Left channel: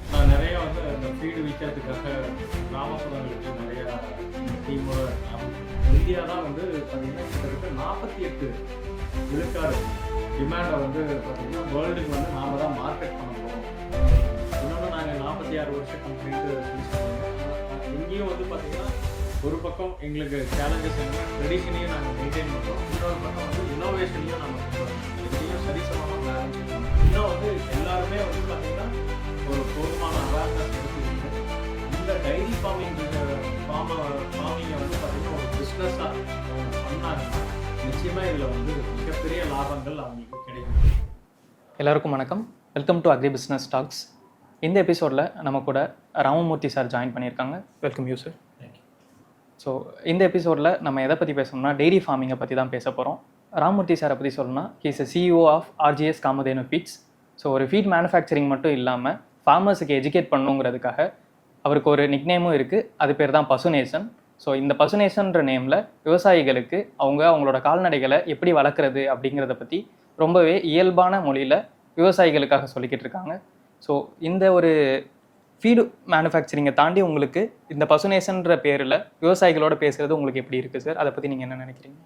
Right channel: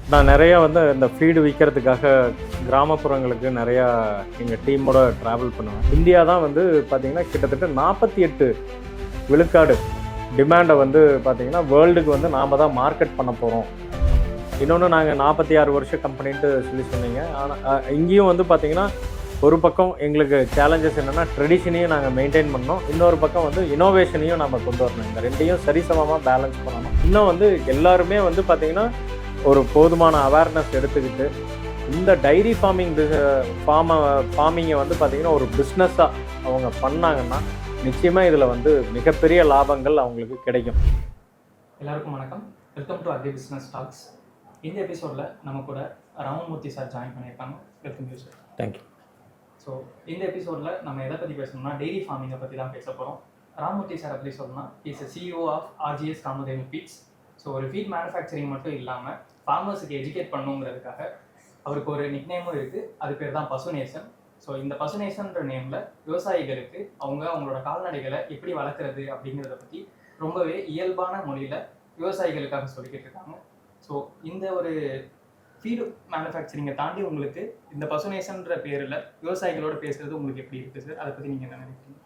நான் நிறையா இந்த ஃபீடு விற்கிறதுக்காக கிராமப்புறங்களுக்கு நிறையா எங்கள் டீமோட ட்ராவல் பண்ணுவேன். இந்தியா தான் பார்த்திங்கன்னா கிட்டத்தட்ட 48 விழுக்காடு டிமாண்டை பார்த்திங்கன்னா வேர்ல்டுக்கு நாம் தான் மார்க்கெட் பண்ண போகிறோம். இன்னொன்று நாங்கள் 46 வருஷம் கம்பெனின்ட்டு சொன்னீங்க. ஆனால் இங்கேயும் பார்த்திங்கன்னா ஒரு பக்கம் எங்களுக்கு சேலஞ்சஸ் என்னென்னா ட்ரெடிஷனையும் நாங்கள் மெயின்டைன் பண்ணோம், இன்னொரு பக்கம் இனோவேஷனையும் நம்ம கொண்டு வரணும். இந்த ரெண்டையும் சரிசமமாக பேலன்ஸ் பண்ணணும். இன்னும் எல்லாருமே பார்த்திங்கன்னா ஒரு போதுமான அவேர்னஸ் எடுத்துக்கிட்டு இந்த டைரி ஃபார்மிங்கை பார்த்திங்கன்னா ஒரு பிஸ்னஸாக அவங்க பண்ணாங்கன்னா நிச்சயமாக இதில் மிகப்பெரிய லாபங்கள் அவங்களுக்கு கிடைக்கும். எல்லாருக்கும் வணக்கம். Welcome to agri business talks. இந்த எபிசோடில் நம்ம கூட ராமமூர்த்தி சார் ஜாயின் பண்ணியிருக்காங்க. Welcome you sir. Thank you. So இந்த எபிசோடில் நம்ம எதை பற்றி பேசணும்னா டெய்ரி ஃபார்மிங்கை பற்றி தான் பேச போகிறோம். ராமமூர்த்தி சாரை பற்றி சொல்லணும்னா he's CEO of RGS Kamadhenu feeds. So ஒரு ஃபீட் மேனுஃபேக்சரிங் மட்டும் இல்லாமல் ஃபார்மர்ஸுக்கு எஜுகேட் பண்ணணுங்கிறதுக்காக அவருக்கு ஒரு நிக்நேமும் இருக்குது. அது பேர் தான் பசுநேசன். ஸோ இந்த பசுநேசன்ற நேமில் விவசாயிகளுக்கு அவங்களோட கால்நடைகளை எப்படி வளர்க்குறது அப்படிங்கிறத பற்றி ரொம்பவே இயல்பான மொழியில் விவசாயிகளுக்காக சொல்லிக்கிட்டு இருக்காங்க. ஸோ இந்த ஒரு ஃபீடு மேனுஃபேக்சரிங்கை தாண்டி உங்களுக்கு இந்த பசுநேசன்ற பேரில் விவசாயிகளோட பேசுகிறது உங்களுக்கு எப்படி இருக்குது சார்? அதை பற்றி நீங்கள் என்ன நினைக்கிறீங்க?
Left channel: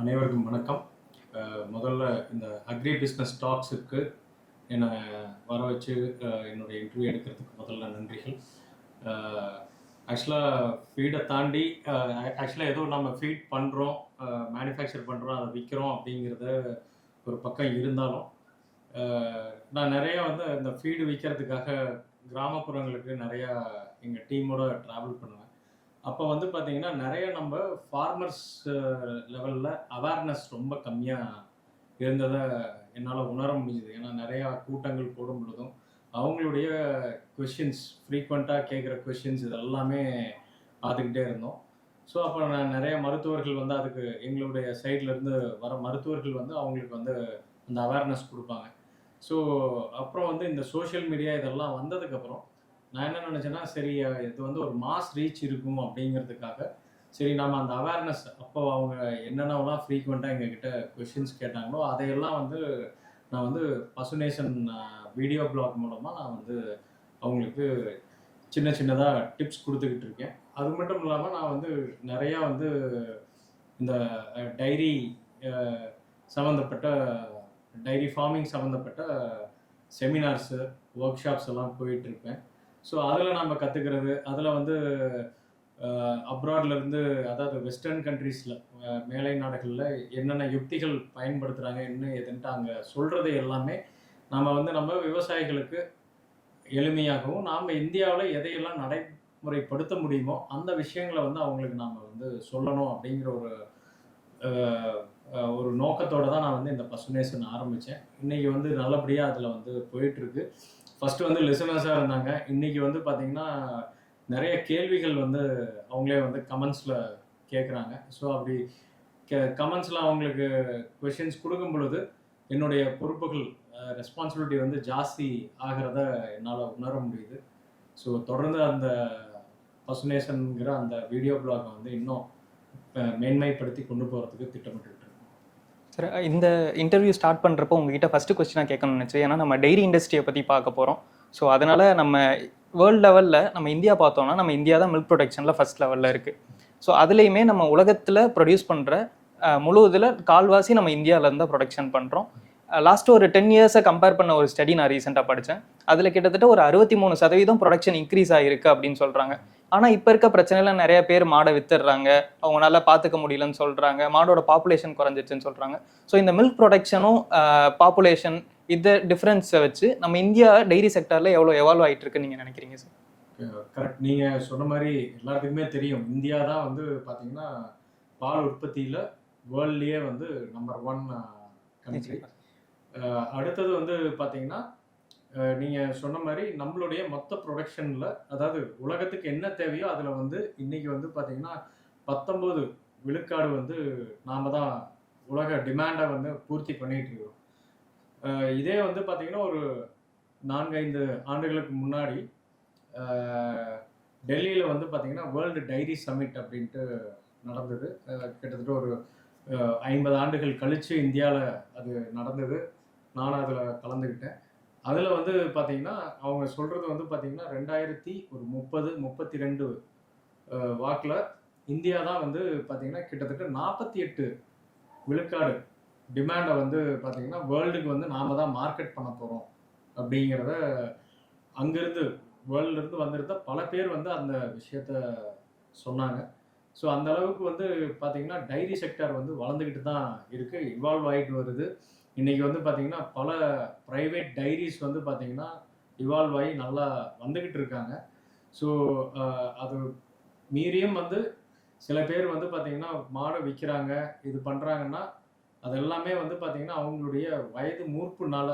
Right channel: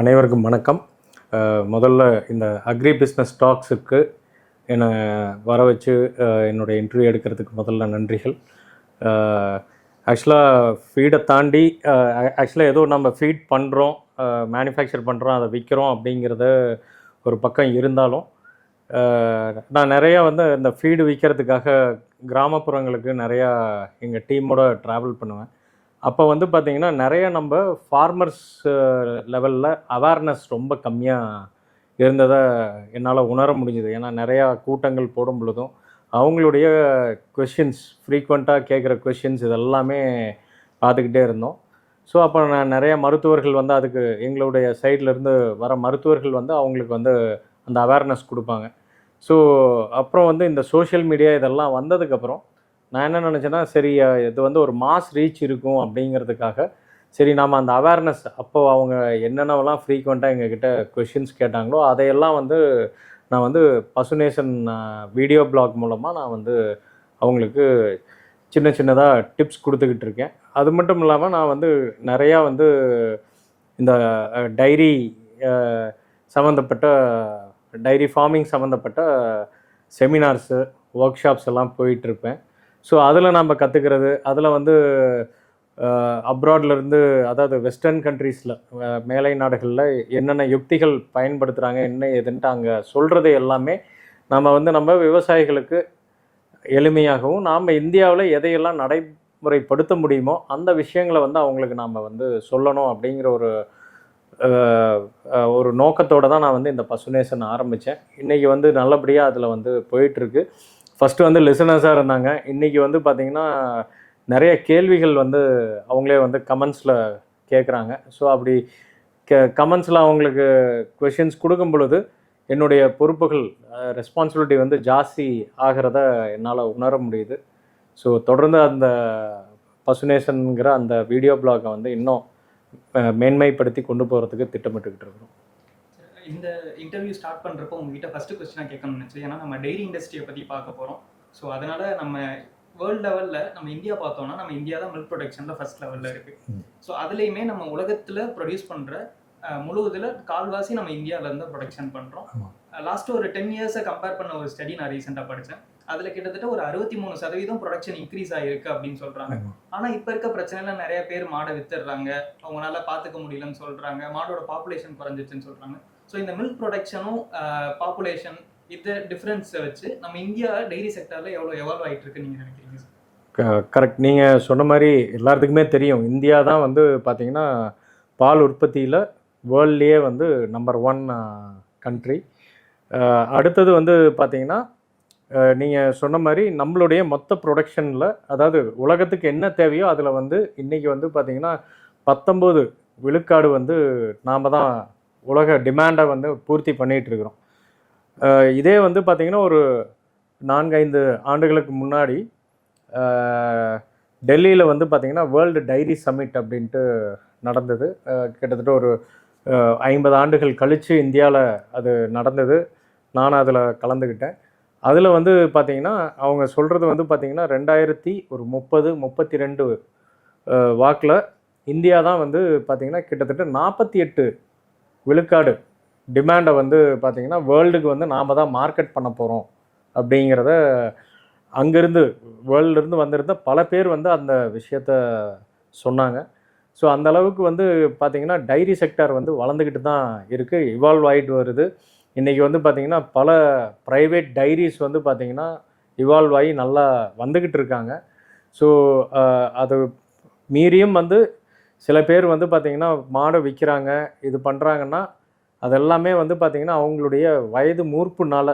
அனைவருக்கும் வணக்கம். முதல்ல இந்த அக்ரி பிஸ்னஸ் டாக்ஸுக்கு என்னை வர வச்சு என்னுடைய இன்டர்வியூ எடுக்கிறதுக்கு முதல்ல நன்றிகள். ஆக்சுவலாக ஃபீடை தாண்டி ஏதோ நம்ம ஃபீட் பண்ணுறோம், மேனுஃபேக்சர் பண்ணுறோம், அதை விற்கிறோம் அப்படிங்கிறத ஒரு பக்கம் இருந்தாலும் நான் நிறையா இந்த ஃபீடு விற்கிறதுக்காக கிராமப்புறங்களுக்கு நிறையா எங்கள் டீமோட ட்ராவல் பண்ணுவேன். அப்போ பார்த்திங்கன்னா நிறைய நம்ம ஃபார்மர்ஸ் லெவலில் அவேர்னஸ் ரொம்ப கம்மியாக இருந்ததை என்னால் உணர முடிஞ்சுது. ஏன்னா நிறையா கூட்டங்கள் போடும் பொழுதும் அவங்களுடைய கொஷின்ஸ், ஃப்ரீக்வெண்ட்டாக கேட்குற கொஷின்ஸ் இதெல்லாமே பார்த்துக்கிட்டே இருந்தோம். ஸோ அப்போ நான் நிறைய மருத்துவர்கள் அதுக்கு எங்களுடைய சைட்லேருந்து வர மருத்துவர்கள் அவங்களுக்கு அந்த அவேர்னஸ் கொடுப்பாங்க. ஸோ அப்புறம் இந்த சோஷியல் மீடியா இதெல்லாம் வந்ததுக்கப்புறம் நான் என்ன நினச்சேன்னா, சரி இது ஒரு மாஸ் ரீச் இருக்கும் அப்படிங்கிறதுக்காக சரி நாம் அந்த அவேர்னஸ் அப்போ அவங்க என்னென்னவெல்லாம் ஃப்ரீக்வெண்ட்டாக எங்ககிட்ட கொஷின்ஸ் கேட்டாங்களோ அதையெல்லாம் நான் பசுநேசன் வீடியோ பிளாக் மூலமாக நான் அவங்களுக்கு சின்ன சின்னதாக டிப்ஸ் கொடுத்துக்கிட்டு இருக்கேன். அது மட்டும் இல்லாமல் நான் நிறையா இந்த டைரி சம்மந்தப்பட்ட டைரி ஃபார்மிங் சம்மந்தப்பட்ட செமினார்ஸு, ஒர்க் ஷாப்ஸ் எல்லாம் போயிட்டுருப்பேன். ஸோ அதில் நம்ம கற்றுக்கிறது, அதில் அப்ராட்லேருந்து, அதாவது வெஸ்டர்ன் கண்ட்ரீஸில் மேலை நாடுகளில் என்னென்ன யுக்திகள் பயன்படுத்துகிறாங்க, என்ன எதுன்ட்டு அங்கே சொல்கிறது எல்லாமே நம்ம விவசாயிகளுக்கு எளிமையாகவும் நாம் இந்தியாவில் எதையெல்லாம் நடைமுறைப்படுத்த முடியுமோ அந்த விஷயங்களை அவங்களுக்கு நாம் சொல்லணும் அப்படிங்கிற ஒரு நோக்கத்தோடு தான் நான் இந்த பசுநேசன் ஆரம்பித்தேன். இன்றைக்கி நல்லபடியாக அதில் போயிட்டுருக்கு. ஃபஸ்ட்டு லிசனர்ஸாக இருந்தாங்க. இன்றைக்கி பார்த்திங்கன்னா நிறைய கேள்விகள் அவங்களே கமெண்ட்ஸில் கேட்குறாங்க. ஸோ அப்படி கமெண்ட்ஸில் அவங்களுக்கு கொஷின்ஸ் கொடுக்கும் பொழுது என்னுடைய பொறுப்புகள், ரெஸ்பான்சிபிலிட்டி ஜாஸ்தி ஆகிறத என்னால் உணர முடியுது. ஸோ தொடர்ந்து அந்த பசுநேசன்கிற அந்த வீடியோ பிளாகை இன்னும் மேன்மைப்படுத்தி கொண்டு போகிறதுக்கு திட்டமிட்டுக்கிட்டு இருக்கோம். சார், இந்த இன்டர்வியூ ஸ்டார்ட் பண்ணுறப்போ உங்ககிட்ட ஃபஸ்ட்டு கொஸ்டினாக கேட்கணும்னு நினச்சேன். ஏன்னா நம்ம டெய்ரி இண்டஸ்ட்ரியை பற்றி பார்க்க போகிறோம். ஸோ அதனால் நம்ம வேர்ல்டு லெவலில் நம்ம இந்தியா பார்த்தோம்னா நம்ம இந்தியா தான் மில்க் ப்ரொடக்ஷனில் ஃபஸ்ட் லெவலில் இருக்குது. ஸோ அதுலேயுமே நம்ம உலகத்தில் ப்ரொடியூஸ் பண்ணுற முழு இதில் கால்வாசி நம்ம இந்தியாவிலேருந்து தான் ப்ரொடக்ஷன் பண்ணுறோம். லாஸ்ட்டு ஒரு 10 இயர்ஸை கம்பேர் பண்ண ஒரு ஸ்டடி நான் ரீசெண்டாக படித்தேன். அதில் கிட்டத்தட்ட ஒரு 63% ப்ரொடக்ஷன் இன்க்ரீஸ் ஆகிருக்கு அப்படின்னு சொல்கிறாங்க. ஆனால் இப்போ இருக்க பிரச்சனையில் நிறைய பேர் மாடை வித்துடுறாங்க, அவங்களால பார்த்துக்க முடியலன்னு சொல்கிறாங்க, மாடோட பாப்புலேஷன் குறைஞ்சிச்சுன்னு சொல்கிறாங்க. ஸோ இந்த மில்க் ப்ரொடக்ஷனும் பாப்புலேஷன் இது டிஃப்ரென்ஸை வச்சு நம்ம இந்தியா டைரி செக்டரில் எவ்வளோ எவால்வ் ஆகிட்டு இருக்குன்னு நீங்கள் நினைக்கிறீங்க சார்? கரெக்ட். நீங்கள் சொன்ன மாதிரி எல்லாத்துக்குமே தெரியும், இந்தியா தான் பார்த்திங்கன்னா பால் உற்பத்தியில் வேர்ல்ட்லேயே நம்பர் 1 கண்ட்ரி. அடுத்தது பார்த்திங்கன்னா நீங்கள் சொன்ன மாதிரி நம்மளுடைய மொத்த ப்ரொடக்ஷனில், அதாவது உலகத்துக்கு என்ன தேவையோ அதில் இன்றைக்கி பார்த்திங்கன்னா 19 விழுக்காடு நாம் தான் உலக டிமாண்டை பூர்த்தி பண்ணிகிட்ருக்குறோம். இதே பார்த்திங்கன்னா ஒரு 4-5 ஆண்டுகளுக்கு முன்னாடி டெல்லியில் பார்த்திங்கன்னா வேர்ல்டு டைரி சம்மிட் அப்படின்ட்டு நடந்தது. கிட்டத்தட்ட ஒரு 50 ஆண்டுகள் கழித்து இந்தியாவில் அது நடந்தது. நானும் அதில் கலந்துக்கிட்டேன். அதில் வந்து பார்த்தீங்கன்னா அவங்க சொல்கிறது வந்து பார்த்தீங்கன்னா 2030-32 வாக்கில் இந்தியா தான் வந்து பார்த்தீங்கன்னா கிட்டத்தட்ட 48 விழுக்காடு டிமாண்டை வந்து பார்த்தீங்கன்னா வேர்ல்டுக்கு வந்து நாம் தான் மார்க்கெட் பண்ண போகிறோம் அப்படிங்கிறத அங்கேருந்து வேர்ல்டுலேருந்து வந்திருந்த பல பேர் வந்து அந்த விஷயத்த சொன்னாங்க. ஸோ அந்த அளவுக்கு வந்து பார்த்தீங்கன்னா டைரி செக்டார் வந்து வளர்ந்துக்கிட்டு தான் இருக்குது, இவால்வ் ஆகிட்டு வருது. இன்றைக்கி வந்து பார்த்திங்கன்னா பல ப்ரைவேட் டைரிஸ் வந்து பார்த்திங்கன்னா இவால்வ் ஆகி நல்லா வந்துக்கிட்டு இருக்காங்க. ஸோ அது மீறியும் வந்து சில பேர் வந்து பார்த்திங்கன்னா மாடை விற்கிறாங்க, இது பண்ணுறாங்கன்னா அதெல்லாமே வந்து பார்த்திங்கன்னா அவங்களுடைய வயது மூர்ப்புனால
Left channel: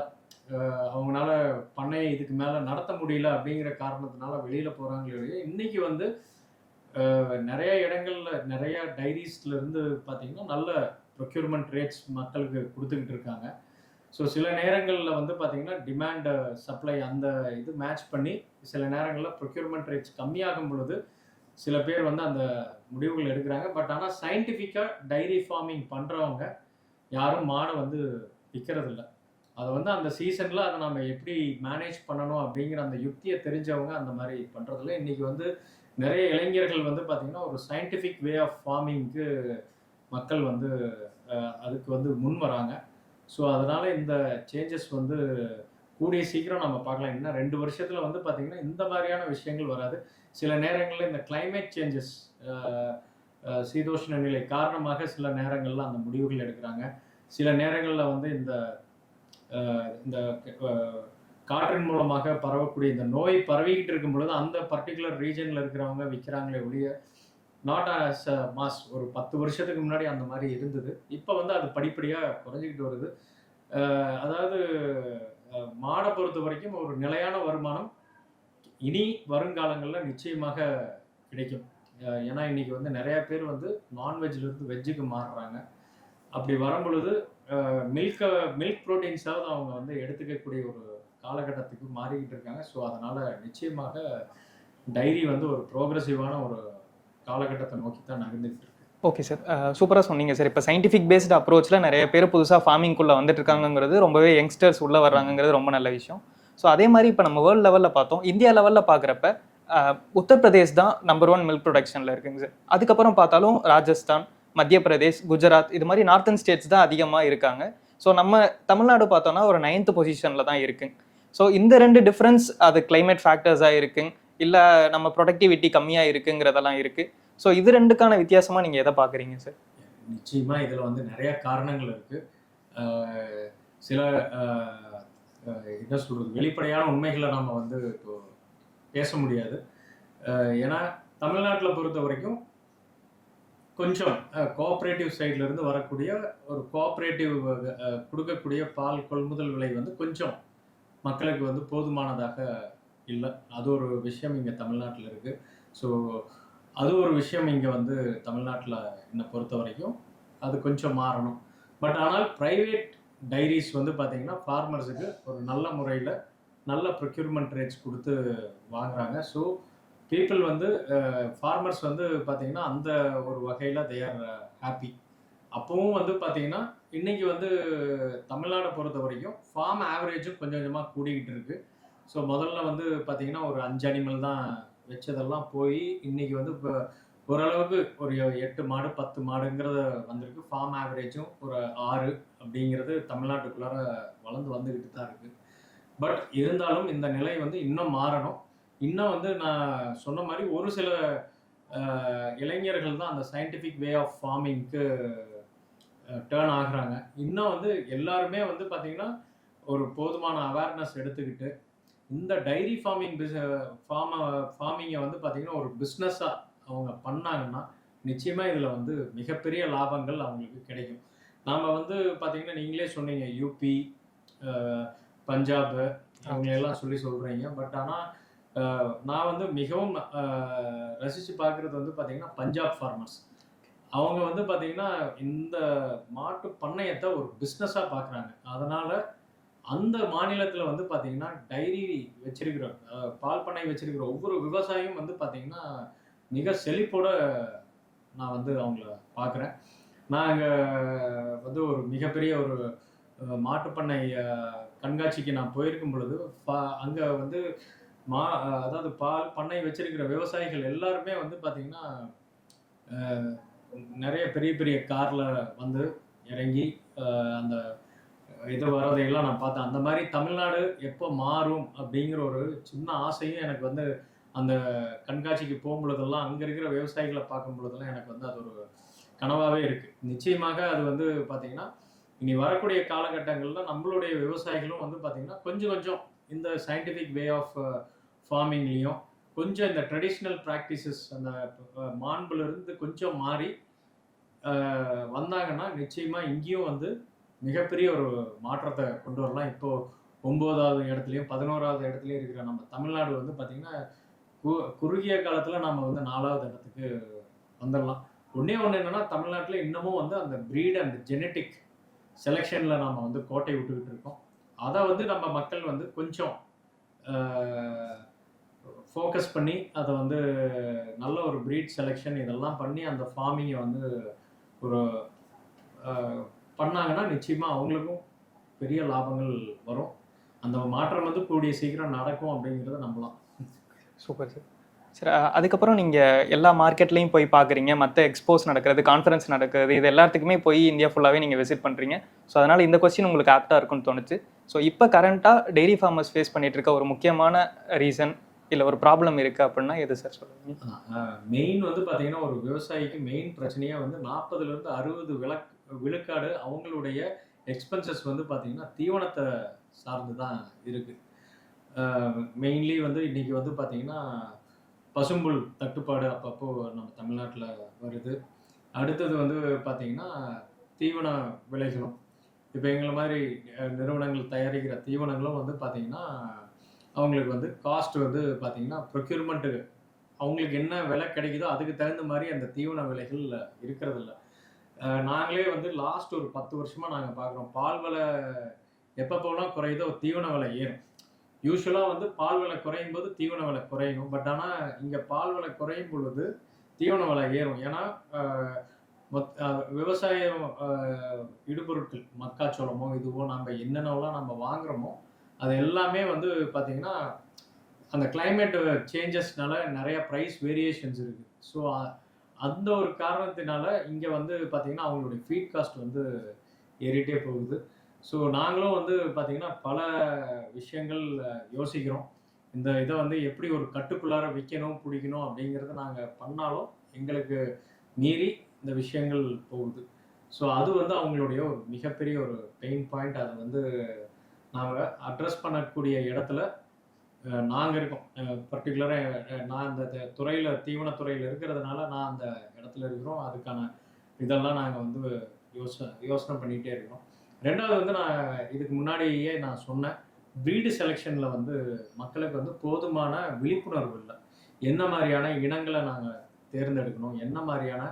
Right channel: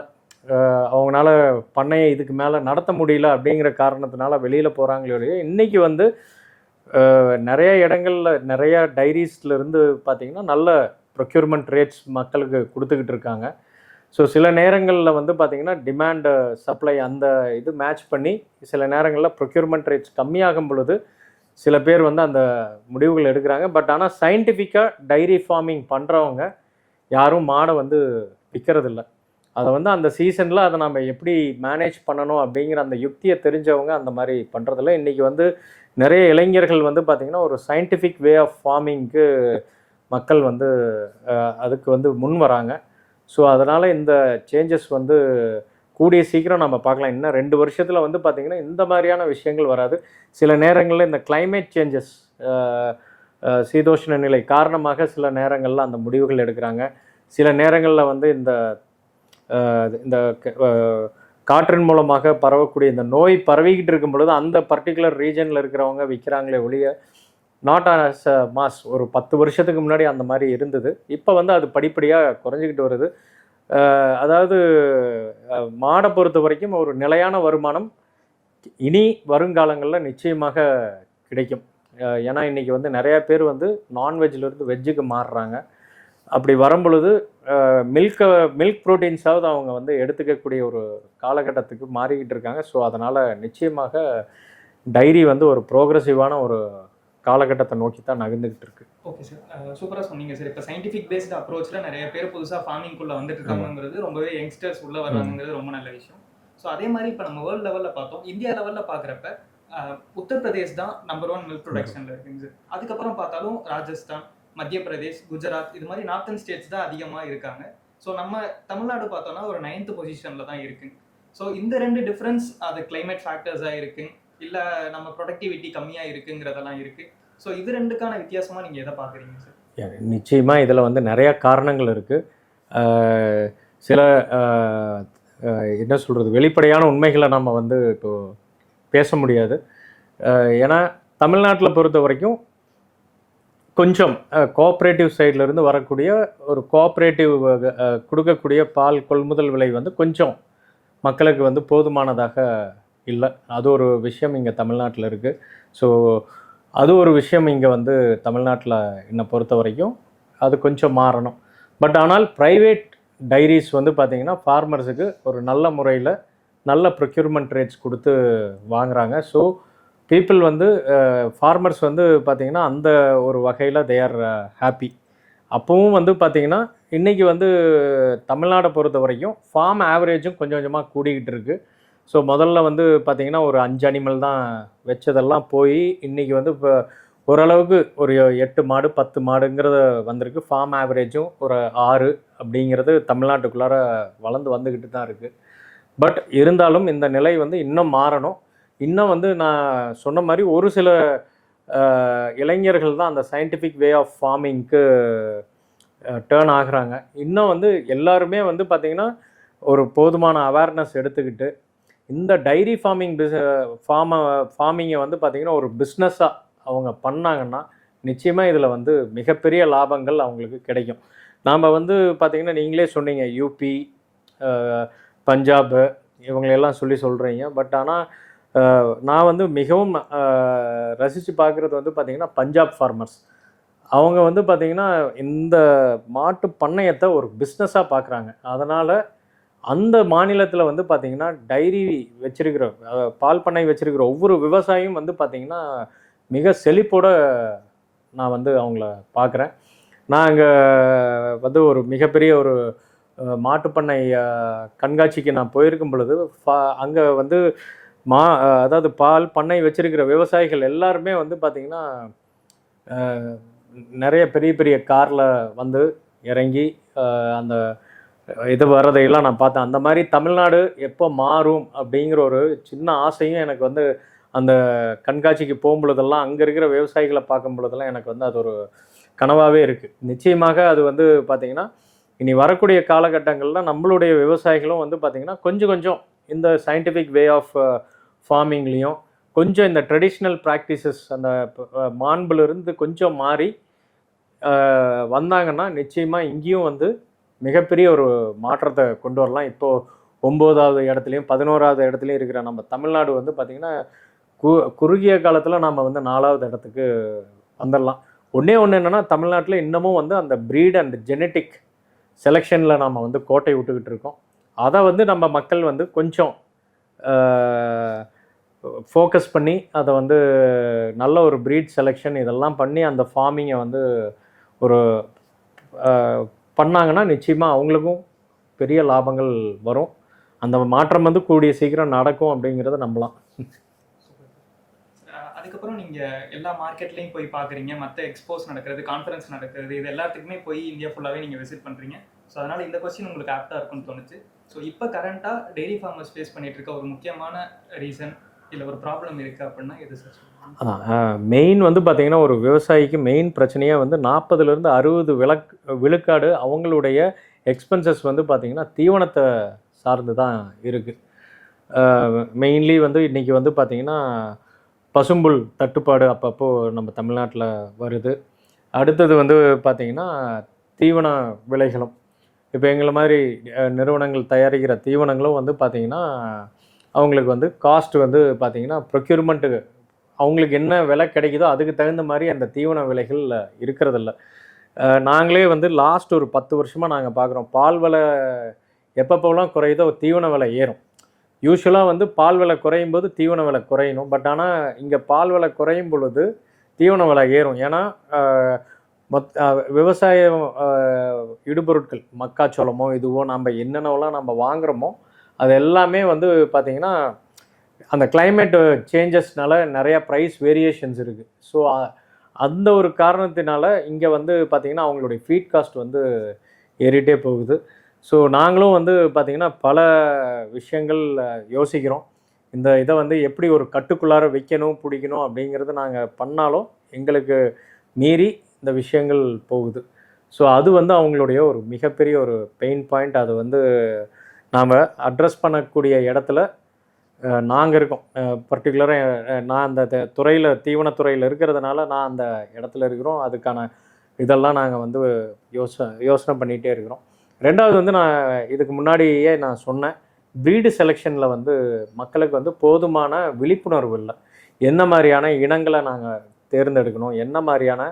அவங்களால பண்ணையை இதுக்கு மேலே நடத்த முடியல அப்படிங்கிற காரணத்தினால வெளியில் போகிறாங்களே ஒழிய, இன்றைக்கி வந்து நிறைய இடங்களில் நிறையா டைரிஸ்லேருந்து பார்த்திங்கன்னா நல்ல ப்ரொக்யூர்மெண்ட் ரேட்ஸ் மக்களுக்கு கொடுத்துக்கிட்டு இருக்காங்க. ஸோ சில நேரங்களில் வந்து பார்த்திங்கன்னா டிமாண்டு சப்ளை அந்த இது மேட்ச் பண்ணி சில நேரங்களில் ப்ரொக்யூர்மெண்ட் ரேட்ஸ் கம்மியாகும் பொழுது சில பேர் வந்து அந்த முடிவுகள் எடுக்கிறாங்க. பட் ஆனால் சயின்டிஃபிக்காக டைரி ஃபார்மிங் பண்ணுறவங்க யாரும் மாடை வந்து விற்கிறதில்ல. அதை வந்து அந்த சீசனில் அதை நம்ம எப்படி மேனேஜ் பண்ணணும் அப்படிங்கிற அந்த யுக்தியை தெரிஞ்சவங்க அந்த மாதிரி பண்ணுறதில்ல. இன்றைக்கி வந்து நிறைய இளைஞர்கள் வந்து பார்த்திங்கன்னா ஒரு சயின்டிஃபிக் வே ஆஃப் ஃபார்மிங்க்கு மக்கள் வந்து அதுக்கு வந்து முன் வராங்க. ஸோ அதனால் இந்த சேஞ்சஸ் வந்து கூடிய சீக்கிரம் நம்ம பார்க்கலாம். இன்னும் 2 வருஷத்தில் வந்து பார்த்திங்கன்னா இந்த மாதிரியான விஷயங்கள் வராது. சில நேரங்களில் இந்த கிளைமேட் சேஞ்சஸ் சீதோஷ்ண நிலை காரணமாக சில நேரங்களில் அந்த முடிவுகள் எடுக்கிறாங்க. சில நேரங்களில் வந்து இந்த இந்த காற்றின் மூலமாக பரவக்கூடிய இந்த நோய் பரவிக்கிட்டு இருக்கும் பொழுது அந்த பர்டிகுலர் ரீஜனில் இருக்கிறவங்க விற்கிறாங்களே ஒழிய நாட் ஆஸ் அ மாஸ். ஒரு 10 வருஷத்துக்கு முன்னாடி அந்த மாதிரி இருந்தது. இப்போ வந்து அது படிப்படியாக குறைஞ்சிக்கிட்டு வருது. அதாவது மாடை பொறுத்த வரைக்கும் ஒரு நிலையான வருமானம் இனி வருங்காலங்களில் நிச்சயமாக கிடைக்கும். ஏன்னா இன்றைக்கி வந்து நிறையா பேர் வந்து நான்வெஜ்லேருந்து வெஜ்ஜுக்கு மாறுறாங்க. அப்படி வரும்பொழுது மில்க் ப்ரோட்டீன்ஸாவது அவங்க வந்து எடுத்துக்கக்கூடிய ஒரு காலகட்டத்துக்கு மாறிக்கிட்டு இருக்காங்க. ஸோ அதனால் நிச்சயமாக டைரி வந்து ஒரு ப்ரோக்ரெசிவான ஒரு காலகட்டத்தை நோக்கி தான் நகர்ந்துக்கிட்டு இருக்கு. ஓகே சார், சூப்பராக சொன்னீங்க சார். இப்போ சயின்டிஃபிக் பேஸ்டு அப்ரோச்சில் நிறைய பேர் புதுசாக ஃபார்மிங்குள்ளே வந்துட்டு இருக்காங்கிறது, ரொம்பவே யங்ஸ்டர்ஸ் உள்ளே வர்றாங்கிறது ரொம்ப நல்ல விஷயம். ஸோ அதே மாதிரி இப்போ நம்ம வேர்ல்டு லெவலில் பார்த்தோம், இந்தியா லெவலில் பார்க்குறப்ப உத்தரப்பிரதேஷ் தான் நம்பர் 1 மில்க் ப்ரொடக்ஷனில் இருக்குங்க சார். அதுக்கப்புறம் பார்த்தாலும் ராஜஸ்தான், மத்திய பிரதேஷ், குஜராத் இது மாதிரி நார்த்தன் ஸ்டேட்ஸ் தான் அதிகமாக இருக்காங்க. ஸோ நம்ம தமிழ்நாடு பார்த்தோன்னா ஒரு 9th பொசிஷனில் தான் இருக்குங்க. ஸோ இந்த 2 டிஃப்ரென்ஸ் அது கிளைமேட் ஃபேக்டர்ஸாக இருக்குங்க, இல்லை நம்ம ப்ரொடக்டிவிட்டி கம்மியாக இருக்குங்கிறதெல்லாம் இருக்குது. ஸோ இது 2க்கான வித்தியாசமாக நீங்கள் எதை பார்க்குறீங்க சார்? நிச்சயமாக இதில் வந்து நிறையா காரணங்கள் இருக்குது. சில என்ன சொல்கிறது, வெளிப்படையான உண்மைகளை நம்ம வந்து இப்போது பேச முடியாது. ஏன்னா தமிழ்நாட்டில் பொறுத்த வரைக்கும் கொஞ்சம் கோஆப்ரேட்டிவ் சைட்லேருந்து வரக்கூடிய ஒரு கோஆப்ரேட்டிவ் கொடுக்கக்கூடிய பால் கொள்முதல் விலை வந்து கொஞ்சம் மக்களுக்கு வந்து போதுமானதாக இல்லை. அது ஒரு விஷயம் இங்கே தமிழ்நாட்டில் இருக்குது. ஸோ அது ஒரு விஷயம் இங்கே வந்து தமிழ்நாட்டில் என்னை பொறுத்த வரைக்கும் அது கொஞ்சம் மாறணும். பட் ஆனால் ப்ரைவேட் டைரிஸ் வந்து பார்த்திங்கன்னா ஃபார்மர்ஸுக்கு ஒரு நல்ல முறையில் நல்ல ப்ரொக்யூர்மெண்ட் ரேட்ஸ் கொடுத்து வாங்குகிறாங்க. ஸோ பீப்புள் வந்து ஃபார்மர்ஸ் வந்து பார்த்திங்கன்னா அந்த ஒரு வகையில் தே ஆர் ஹாப்பி. அப்போவும் வந்து பார்த்திங்கன்னா இன்றைக்கி வந்து தமிழ்நாடை பொறுத்த வரைக்கும் ஃபார்ம் ஆவரேஜும் கொஞ்சம் கொஞ்சமாக கூடிக்கிட்டு இருக்குது. ஸோ முதல்ல வந்து பார்த்திங்கன்னா ஒரு 5 அனிமல் தான் வச்சதெல்லாம் போய் இன்றைக்கி வந்து இப்போ ஓரளவுக்கு ஒரு 8 மாடு 10 மாடுங்கிறது வந்திருக்கு. ஃபார்ம் ஆவரேஜும் ஒரு 6 அப்படிங்கிறது தமிழ்நாட்டுக்குள்ளார வளர்ந்து வந்துக்கிட்டு தான் இருக்குது. பட் இருந்தாலும் இந்த நிலை வந்து இன்னும் மாறணும். இன்னும் வந்து நான் சொன்ன மாதிரி ஒரு சில இளைஞர்கள் தான் அந்த சயின்டிஃபிக் வே ஆஃப் ஃபார்மிங்க்கு டேர்ன் ஆகுறாங்க. இன்னும் வந்து எல்லாருமே வந்து பார்த்திங்கன்னா ஒரு போதுமான அவேர்னஸ் எடுத்துக்கிட்டு இந்த டைரி ஃபார்மிங்கை வந்து பார்த்திங்கன்னா ஒரு பிஸ்னஸாக அவங்க பண்ணாங்கன்னா நிச்சயமாக இதில் வந்து மிகப்பெரிய லாபங்கள் அவங்களுக்கு கிடைக்கும். நாம் வந்து பார்த்திங்கன்னா நீங்களே சொன்னீங்க யூபி, பஞ்சாப் இவங்களெல்லாம் சொல்கிறீங்க. பட் ஆனால் நான் வந்து மிகவும் ரசித்து பார்க்குறது வந்து பார்த்திங்கன்னா பஞ்சாப் ஃபார்மர்ஸ். அவங்க வந்து பார்த்திங்கன்னா இந்த மாட்டு பண்ணையத்தை ஒரு பிஸ்னஸாக பார்க்குறாங்க. அதனால் அந்த மாநிலத்தில் வந்து பார்த்திங்கன்னா டைரி வச்சிருக்கிற பால் பண்ணை வச்சிருக்கிற ஒவ்வொரு விவசாயியும் வந்து பார்த்திங்கன்னா மிக செழிப்போட நான் வந்து அவங்கள பார்க்குறேன். நான் அங்கே வந்து ஒரு மிகப்பெரிய ஒரு மாட்டுப்பண்ணை கண்காட்சிக்கு நான் போயிருக்கும் பொழுது அங்கே வந்து அதாவது பால் பண்ணை வச்சிருக்கிற விவசாயிகள் எல்லாருமே வந்து பார்த்திங்கன்னா நிறைய பெரிய பெரிய காரில் வந்து இறங்கி அந்த இது வர்றதையெல்லாம் நான் பார்த்தேன். அந்த மாதிரி தமிழ்நாடு எப்போ மாறும் அப்படிங்கிற ஒரு சின்ன ஆசையும் எனக்கு வந்து அந்த கண்காட்சிக்கு போகும்பொழுதெல்லாம் அங்கே இருக்கிற விவசாயிகளை பார்க்கும் பொழுதெல்லாம் எனக்கு வந்து அது ஒரு கனவாகவே இருக்குது. நிச்சயமாக அது வந்து பார்த்திங்கன்னா இனி வரக்கூடிய காலகட்டங்களில் நம்மளுடைய விவசாயிகளும் வந்து பார்த்திங்கன்னா கொஞ்சம் கொஞ்சம் இந்த சயின்டிஃபிக் வே ஆஃப் ஃபார்மிங்லேயும் கொஞ்சம் இந்த ட்ரெடிஷ்னல் ப்ராக்டிசஸ் அந்த மாண்புலேருந்து கொஞ்சம் மாறி வந்தாங்கன்னா நிச்சயமாக இங்கேயும் வந்து மிகப்பெரிய ஒரு மாற்றத்தை கொண்டு வரலாம். இப்போது 9வது இடத்துலையும் 11வது இடத்துலையும் இருக்கிற நம்ம தமிழ்நாடு வந்து பார்த்திங்கன்னா குறுகிய காலத்தில் நம்ம வந்து 4வது இடத்துக்கு வந்துடலாம். ஒன்று என்னென்னா தமிழ்நாட்டில் இன்னமும் வந்து அந்த ப்ரீட் அண்ட் ஜெனட்டிக் செலெக்ஷனில் நம்ம வந்து கோட்டை விட்டுக்கிட்டு இருக்கோம். அதை வந்து நம்ம மக்கள் வந்து கொஞ்சம் ஃபோக்கஸ் பண்ணி அதை வந்து நல்ல ஒரு ப்ரீட் செலெக்ஷன் இதெல்லாம் பண்ணி அந்த ஃபார்மிங்கை வந்து ஒரு பண்ணாங்கன்னா நிச்சயமாக அவங்களுக்கும் பெரிய லாபங்கள் வரும். அந்த மாற்றம் வந்து கூடிய சீக்கிரம் நடக்கும் அப்படிங்கிறத நம்பலாம். Super sir. சரி, அதுக்கப்புறம் நீங்கள் எல்லா மார்க்கெட்லேயும் போய் பார்க்குறீங்க, மற்ற எக்ஸ்போஸ் நடக்கிறது, கான்ஃபரன்ஸ் நடக்கிறது, இது எல்லாத்துக்குமே போய் இந்தியா ஃபுல்லாகவே நீங்கள் விசிட் பண்ணுறீங்க. ஸோ அதனால் இந்த கொஸ்டின் உங்களுக்கு ஆப்டாக இருக்குன்னு தோணுச்சு. ஸோ இப்போ கரண்ட்டாக டெய்ரி ஃபார்மர்ஸ் ஃபேஸ் பண்ணிகிட்டு இருக்க ஒரு முக்கியமான ரீசன் இல்லை ஒரு ப்ராப்ளம் இருக்குது அப்படின்னா எது சார் சொல்லுங்கள்? மெயின் வந்து பார்த்திங்கன்னா ஒரு விவசாயிக்கு மெயின் பிரச்சனையாக வந்து 40லேருந்து 60 விழுக்காடு அவங்களுடைய எக்ஸ்பென்சஸ் வந்து பார்த்திங்கன்னா தீவனத்தை சார்ந்து தான் இருக்குது. மெயின்லி வந்து இன்றைக்கி வந்து பார்த்திங்கன்னா பசும்புல் தட்டுப்பாடு அப்பப்போ நம்ம தமிழ்நாட்டில் வருது. அடுத்தது வந்து பார்த்திங்கன்னா தீவன விலைகளும் இப்போ எங்களை மாதிரி நிறுவனங்கள் தயாரிக்கிற தீவனங்களும் வந்து பார்த்திங்கன்னா அவங்களுக்கு வந்து காஸ்ட் வந்து பார்த்திங்கன்னா ப்ரொக்யூர்மெண்ட்டு அவங்களுக்கு என்ன விலை கிடைக்குதோ அதுக்கு தகுந்த மாதிரி அந்த தீவன விலைகள் இருக்கிறதில்ல. நாங்களே வந்து லாஸ்ட் ஒரு 10 வருஷமாக நாங்கள் பார்க்குறோம் பால் விலை எப்பப்போலாம் குறையுதோ தீவன விலை ஏறும். யூஸ்வலாக வந்து பால் விலை குறையும் போது தீவன விலை குறையணும். பட் ஆனால் இங்கே பால் விலை குறையும் பொழுது தீவன விலை ஏறும். ஏன்னா விவசாயம் இடுபொருட்கள் மக்காச்சோளமோ இதுவோ நம்ம என்னென்னலாம் நம்ம வாங்குகிறோமோ அது எல்லாமே வந்து பார்த்திங்கன்னா அந்த கிளைமேட் சேஞ்சஸ்னால நிறையா ப்ரைஸ் வேரியேஷன்ஸ் இருக்குது. ஸோ அந்த ஒரு காரணத்தினால இங்கே வந்து பார்த்திங்கன்னா அவங்களுடைய ஃபீட் காஸ்ட் வந்து ஏறிட்டே போகுது. ஸோ நாங்களும் வந்து பார்த்திங்கன்னா பல விஷயங்கள் யோசிக்கிறோம். இந்த இதை வந்து எப்படி ஒரு கட்டுக்குள்ளார வைக்கணும் பிடிக்கணும் அப்படிங்கிறது நாங்கள் பண்ணாலும் எங்களுக்கு மீறி இந்த விஷயங்கள் போகுது. ஸோ அது வந்து அவங்களுடைய ஒரு மிகப்பெரிய ஒரு பெயின் பாயிண்ட். அது வந்து நாம் அட்ரஸ் பண்ணக்கூடிய இடத்துல நாங்கள் இருக்கோம். பர்டிகுலராக நான் அந்த துறையில் தீவனத்துறையில் இருக்கிறதுனால நான் அந்த இடத்துல இருக்கிறோம். அதுக்கான இதெல்லாம் நாங்கள் வந்து யோசனை பண்ணிகிட்டே இருக்கிறோம். ரெண்டாவது வந்து நான் இதுக்கு முன்னாடியே நான் சொன்னேன், ப்ரீடு செலெக்ஷனில் வந்து மக்களுக்கு வந்து போதுமான விழிப்புணர்வு இல்லை. என்ன மாதிரியான இனங்களை நாங்கள் தேர்ந்தெடுக்கணும், என்ன மாதிரியான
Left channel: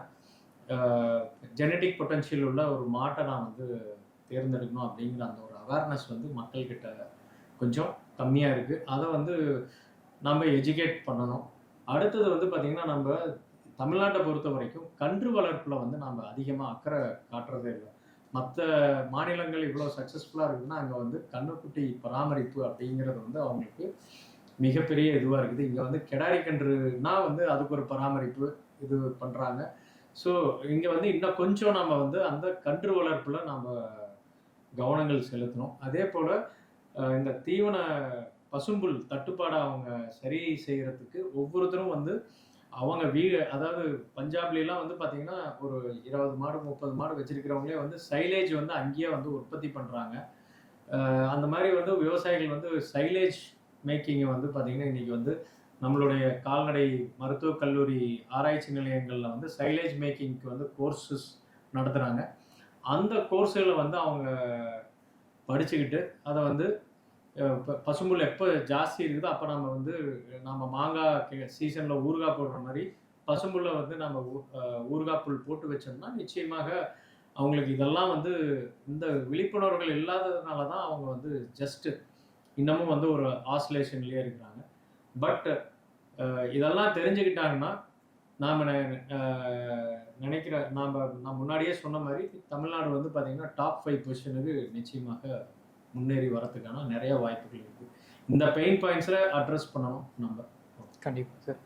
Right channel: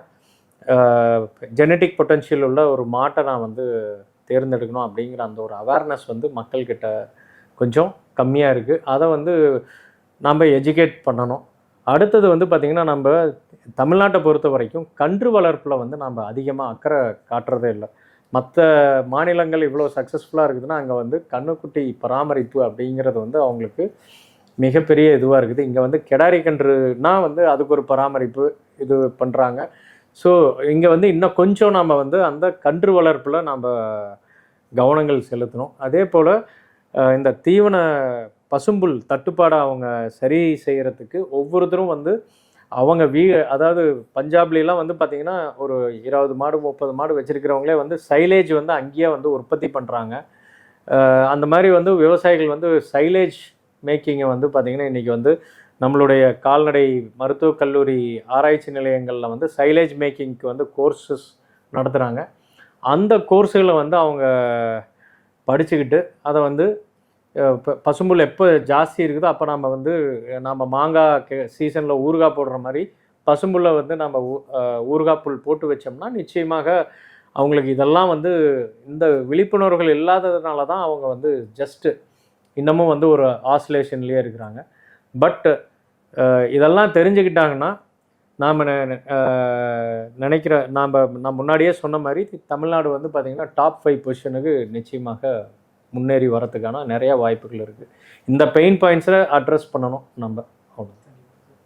ஜெனட்டிக் பொட்டன்ஷியல் உள்ள ஒரு மாட்டை நான் வந்து தேர்ந்தெடுக்கணும் அப்படிங்கிற அந்த ஒரு அவேர்னஸ் வந்து மக்கள்கிட்ட கொஞ்சம் கம்மியாக இருக்குது. அதை வந்து நம்ம எஜுகேட் பண்ணணும். அடுத்தது வந்து பார்த்திங்கன்னா நம்ம தமிழ்நாட்டை பொறுத்த வரைக்கும் கன்று வளர்ப்பில் வந்து நம்ம அதிகமாக அக்கறை காட்டுறதே இல்லை. மற்ற மாநிலங்கள் இவ்வளோ சக்ஸஸ்ஃபுல்லாக இருக்குதுன்னா அங்கே வந்து கன்றுக்குட்டி பராமரிப்பு அப்படிங்கிறது வந்து அவங்களுக்கு மிகப்பெரிய இதுவாக இருக்குது. இங்கே வந்து கெடாரி கன்றுனா வந்து அதுக்கு ஒரு பராமரிப்பு இது பண்ணுறாங்க. ஸோ இங்கே வந்து இன்னும் கொஞ்சம் நம்ம வந்து அந்த கன்று வளர்ப்பில் நம்ம கவனங்கள் செலுத்தணும். அதே போல் இந்த தீவன பசும்புல் தட்டுப்பாடை அவங்க சரி செய்கிறதுக்கு ஒவ்வொருத்தரும் வந்து அவங்க அதாவது பஞ்சாப்லாம் வந்து பார்த்திங்கன்னா ஒரு 20 மாடு 30 மாடு வச்சுருக்கிறவங்களே வந்து சைலேஜ் வந்து அங்கேயே வந்து உற்பத்தி பண்ணுறாங்க. அந்த மாதிரி வந்து விவசாயிகள் வந்து சைலேஜ் மேக்கிங்கை வந்து பார்த்திங்கன்னா இன்றைக்கி வந்து நம்மளுடைய கால்நடை மருத்துவக் கல்லூரி ஆராய்ச்சி நிலையங்களில் வந்து சைலேஜ் மேக்கிங்க்கு வந்து கோர்ஸஸ் நடத்துகிறாங்க. அந்த கோர்ஸுகளை வந்து அவங்க படிச்சுக்கிட்டு அதை வந்து பசும்புல் எப்போ ஜாஸ்தி இருக்குதோ அப்போ நம்ம வந்து நம்ம மாங்காய் சீசனில் ஊறுகாய் போடுற மாதிரி பசும்புல்லை வந்து நம்ம ஊறுகாய் புல் போட்டு வச்சோம்னா நிச்சயமாக அவங்களுக்கு இதெல்லாம் வந்து இந்த விழிப்புணர்வுகள் இல்லாததுனால தான் அவங்க வந்து ஜஸ்ட்டு இன்னமும் வந்து ஒரு ஆசிலேஷன்லேயே இருக்கிறாங்க. பட் இதெல்லாம் தெரிஞ்சுக்கிட்டாங்கன்னா நாம் நினைக்கிற நான் முன்னாடியே சொன்ன மாதிரி தமிழ்நாடு வந்து பார்த்திங்கன்னா டாப் 5 பொசிஷனுக்கு நிச்சயமாக முன்னேறி வரதுக்கான நிறைய வாய்ப்புகள் இருக்குது. இந்த பெயின் பாயிண்ட்ஸை அட்ரஸ் பண்ணணும் நம்ம. கண்டிப்பாக சார்.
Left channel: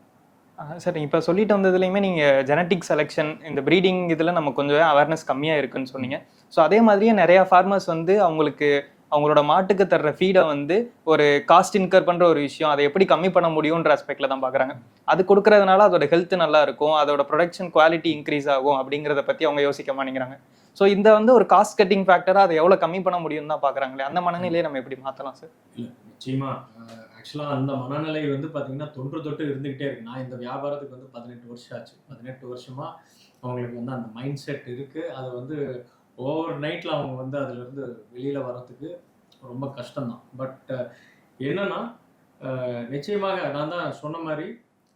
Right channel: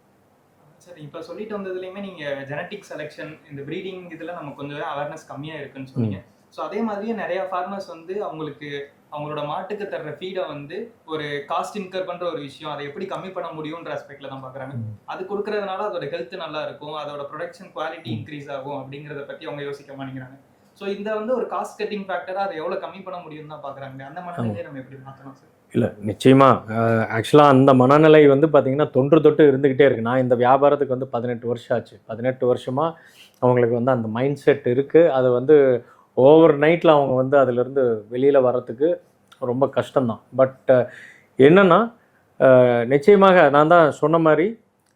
சார் இப்போ சொல்லிட்டு வந்ததுலேயுமே நீங்கள் ஜெனட்டிக் செலெக்ஷன் இந்த ப்ரீடிங் இதில் நம்ம கொஞ்சம் அவேர்னஸ் கம்மியாக இருக்குன்னு சொன்னீங்க. ஸோ அதே மாதிரியே நிறையா ஃபார்மர்ஸ் வந்து அவங்களோட மாட்டுக்கு தர்ற ஃபீடை வந்து ஒரு காஸ்ட் இன்கர் பண்ணுற ஒரு விஷயம், அதை எப்படி கம்மி பண்ண முடியுன்ற ஆஸ்பெக்டில் தான் பார்க்குறாங்க. அது கொடுக்கறதுனால அதோட ஹெல்த் நல்லா இருக்கும், அதோட ப்ரொடக்ஷன் குவாலிட்டி இன்க்ரீஸ் ஆகும் அப்படிங்கிறத பற்றி அவங்க யோசிக்க மாட்டேங்கிறாங்க. ஸோ இந்த வந்து ஒரு காஸ்ட் கட்டிங் ஃபேக்டராக அதை எவ்வளோ கம்மி பண்ண முடியும்னு தான் பார்க்குறாங்களே, அந்த மனநிலையை நம்ம எப்படி மாற்றலாம் சார்? இல்லை நிச்சயமாக ஆக்சுவலாக அந்த மனநிலை வந்து பார்த்திங்கன்னா தொன்று தொட்டு இருந்துக்கிட்டே இருக்குது. நான் இந்த வியாபாரத்துக்கு வந்து 18 வருஷம் ஆச்சு. 18 வருஷமாக அவங்களுக்கு வந்து அந்த மைண்ட் செட் இருக்குது. அது வந்து ஓவர் நைட்டில் அவங்க வந்து அதிலிருந்து வெளியில் வர்றதுக்கு ரொம்ப கஷ்டம்தான். பட் என்னென்னா நிச்சயமாக நான் தான் சொன்ன மாதிரி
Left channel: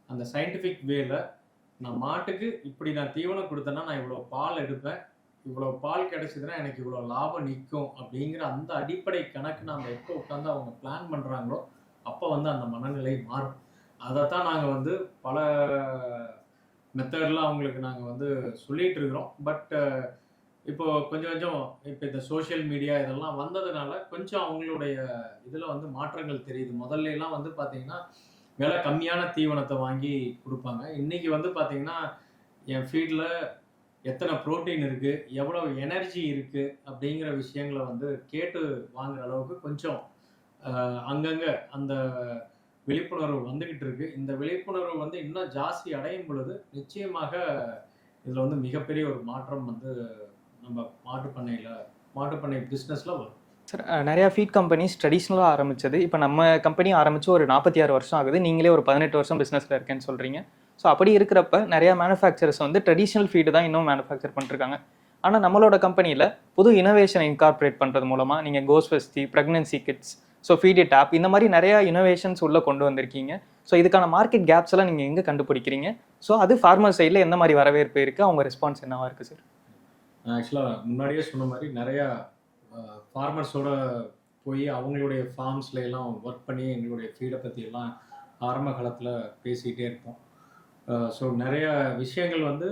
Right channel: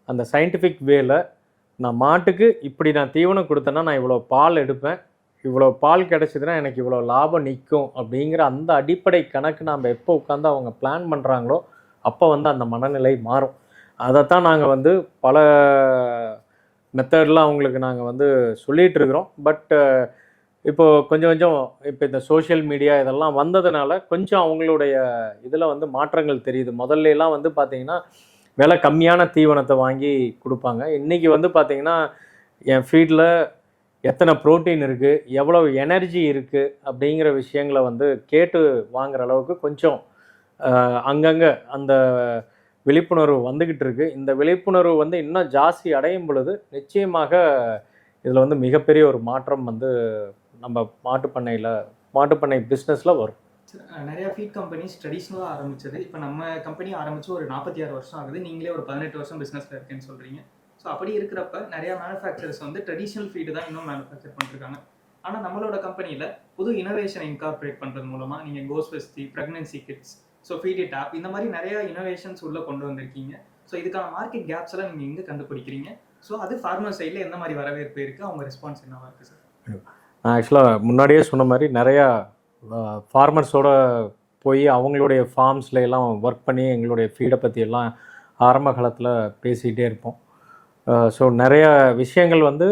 அந்த சயின்டிஃபிக் வேல நான் மாட்டுக்கு இப்படி நான் தீவனம் கொடுத்தேன்னா நான் இவ்வளோ பால் எடுப்பேன், இவ்வளோ பால் கிடச்சிதுன்னா எனக்கு இவ்வளோ லாபம் நிற்கும் அப்படிங்கிற அந்த அடிப்படை கணக்கு நாம் எப்போ உட்காந்து அவங்க பிளான் பண்ணுறாங்களோ அப்போ வந்து அந்த மனநிலை மாறும். அதைத்தான் நாங்கள் வந்து பல மெத்தடில் அவங்களுக்கு நாங்கள் வந்து சொல்லிகிட்டு இருக்கிறோம். பட் இப்போது கொஞ்சம் இப்போ இந்த சோஷியல் மீடியா இதெல்லாம் வந்ததுனால கொஞ்சம் அவங்களுடைய இதில் வந்து மாற்றங்கள் தெரியுது. முதல்லலாம் வந்து பார்த்திங்கன்னா விலை கம்மியான தீவனத்தை வாங்கி கொடுப்பாங்க. இன்றைக்கி வந்து பார்த்திங்கன்னா என் ஃபீல்டில் எத்தனை ப்ரோட்டீன் இருக்குது, எவ்வளோ எனர்ஜி இருக்குது அப்படிங்கிற விஷயங்களை வந்து கேட்டு வாங்குகிற அளவுக்கு கொஞ்சம் அங்கங்கே அந்த விழிப்புணர்வு வந்துக்கிட்டு இருக்குது. இந்த விழிப்புணர்வு வந்து இன்னும் ஜாஸ்தி அடையும் பொழுது நிச்சயமாக இதில் வந்து மிகப்பெரிய ஒரு மாற்றம் வந்து நம்ம மாட்டுப்பண்ணை பிஸ்னஸில் வரும். சார் நிறையா ஃபீட் கம்பெனிஸ் ட்ரெடிஷ்னலாக ஆரம்பித்தது, இப்போ நம்ம கம்பெனி ஆரம்பித்து ஒரு 46 வருஷம் ஆகுது. நீங்களே ஒரு 18 வருஷம் பிஸ்னஸில் இருக்கேன்னு சொல்கிறீங்க. ஸோ அப்படி இருக்கிறப்ப நிறையா மேனுஃபேக்சரர்ஸ் வந்து ட்ரெடிஷ்னல் ஃபீடு தான் இன்னும் மேனுஃபேக்சர் பண்ணிருக்காங்க. ஆனால் நம்மளோட கம்பெனியில் புது இனோவேஷனை இன்கார்பரேட் பண்ணுறது மூலமாக நீங்கள் கோஸ்வஸ்தி, ப்ரெக்னன்சி கிட்ஸ், ஸோ ஃபீடி டேப் இந்த மாதிரி நிறையா இனோவேஷன்ஸ் உள்ளே கொண்டு வந்திருக்கீங்க. ஸோ இதுக்கான மார்க்கெட் கேப்ஸ் எல்லாம் நீங்கள் எங்கே கண்டுபிடிக்கிறீங்க? ஸோ அது ஃபார்மர் சைடில் எந்த மாதிரி வரவேற்பு இருக்குது, அவங்க ரெஸ்பான்ஸ் என்னவாக இருக்குது சார்? நான் ஆக்சுவலாக முன்னாடியே சொன்ன மாதிரி நிறையா ஃபார்மர்ஸோட போய் அவங்களுடைய ஃபார்ம்ஸில் எல்லாம் ஒர்க் பண்ணி எங்களுடைய ஃபீடை பற்றி எல்லாம் ஆரம்ப காலத்தில் பேசிகிட்டே இருப்போம். ஸோ நிறைய விஷயங்கள் வந்து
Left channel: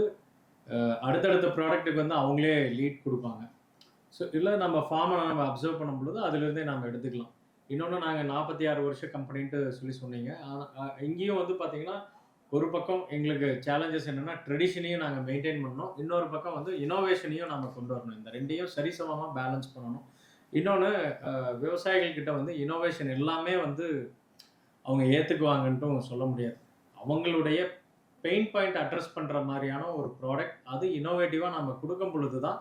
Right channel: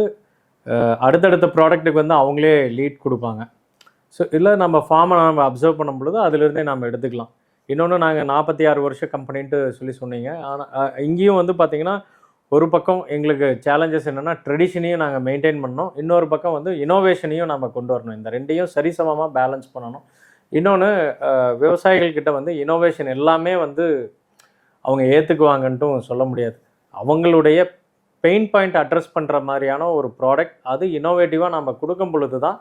அடுத்தடுத்த ப்ராடக்ட்டுக்கு வந்து அவங்களே லீட் கொடுப்பாங்க. ஸோ இல்லை நம்ம ஃபார்மை நம்ம அப்சர்வ் பண்ணும் பொழுது அதிலிருந்தே நம்ம எடுத்துக்கலாம். இன்னொன்று நாங்கள் 46 வருஷம் கம்பெனின்ட்டு சொன்னீங்க. ஆனால் இங்கேயும் வந்து பார்த்திங்கன்னா ஒரு பக்கம் எங்களுக்கு சேலஞ்சஸ் என்னென்னா ட்ரெடிஷனையும் நாங்கள் மெயின்டைன் பண்ணணும், இன்னொரு பக்கம் வந்து இனோவேஷனையும் நம்ம கொண்டு வரணும். இந்த ரெண்டையும் சரிசமமாக பேலன்ஸ் பண்ணணும். இன்னொன்று விவசாயிகள்கிட்ட வந்து இனோவேஷன் எல்லாமே வந்து அவங்க ஏற்றுக்குவாங்கன்ட்டும் சொல்ல முடியாது. அவங்களுடைய பெயின் பாயிண்ட் அட்ரஸ் பண்ணுற மாதிரியான ஒரு ப்ராடக்ட் அது இனோவேட்டிவாக நம்ம கொடுக்கும் பொழுது தான்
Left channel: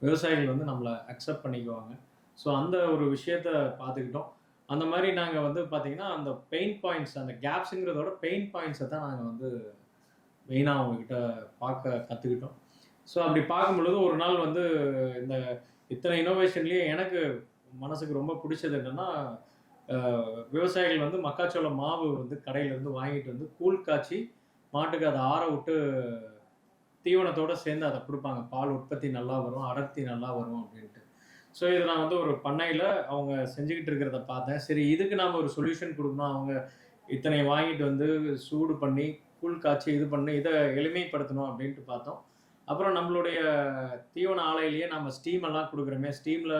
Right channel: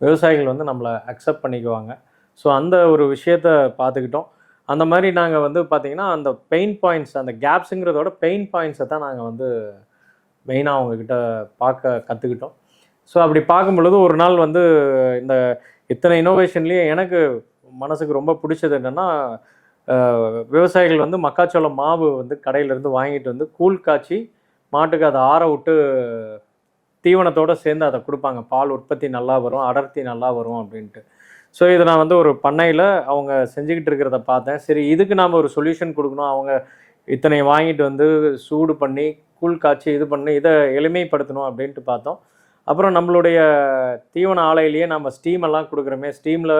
விவசாயிகள் வந்து நம்மளை அக்செப்ட் பண்ணிக்குவாங்க. ஸோ அந்த ஒரு விஷயத்தை பார்த்துக்கிட்டோம். அந்த மாதிரி நாங்கள் வந்து பார்த்திங்கன்னா அந்த பெயின் பாயிண்ட்ஸ், அந்த கேப்ஸுங்கிறதோட பெயின் பாயிண்ட்ஸை தான் நாங்கள் வந்து மெயினாக அவங்கக்கிட்ட பார்க்க கற்றுக்கிட்டோம். ஸோ அப்படி பார்க்கும் பொழுது ஒரு நாள் வந்து இந்த இத்தனை இனோவேஷன்லேயே எனக்கு மனசுக்கு ரொம்ப பிடிச்சது என்னென்னா, விவசாயிகள் வந்து மக்காச்சோளம் மாவு வந்து கடையிலேருந்து வாங்கிட்டு வந்து கூழ் காய்ச்சி மாட்டுக்கு அதை ஆற விட்டு தீவனத்தோடு சேர்ந்து அதை கொடுப்பாங்க. பால் உற்பத்தி நல்லா வரும், அடர்த்தி நல்லா வரும் அப்படின்ட்டு. ஸோ இதை நான் வந்து ஒரு பண்ணையில் அவங்க செஞ்சுக்கிட்டு இருக்கிறத பார்த்தேன். சரி, இதுக்கு நாம் ஒரு சொல்யூஷன் கொடுக்கணும். அவங்க இத்தனை வாங்கிட்டு வந்து சூடு பண்ணி கூழ் காய்ச்சி இது பண்ணி இதை எளிமைப்படுத்தணும் அப்படின்ட்டு பார்த்தோம். அப்புறம் நம்மளுடைய தீவன ஆலையிலேயே நம்ம ஸ்டீம் எல்லாம் கொடுக்குறோமே, ஸ்டீமில்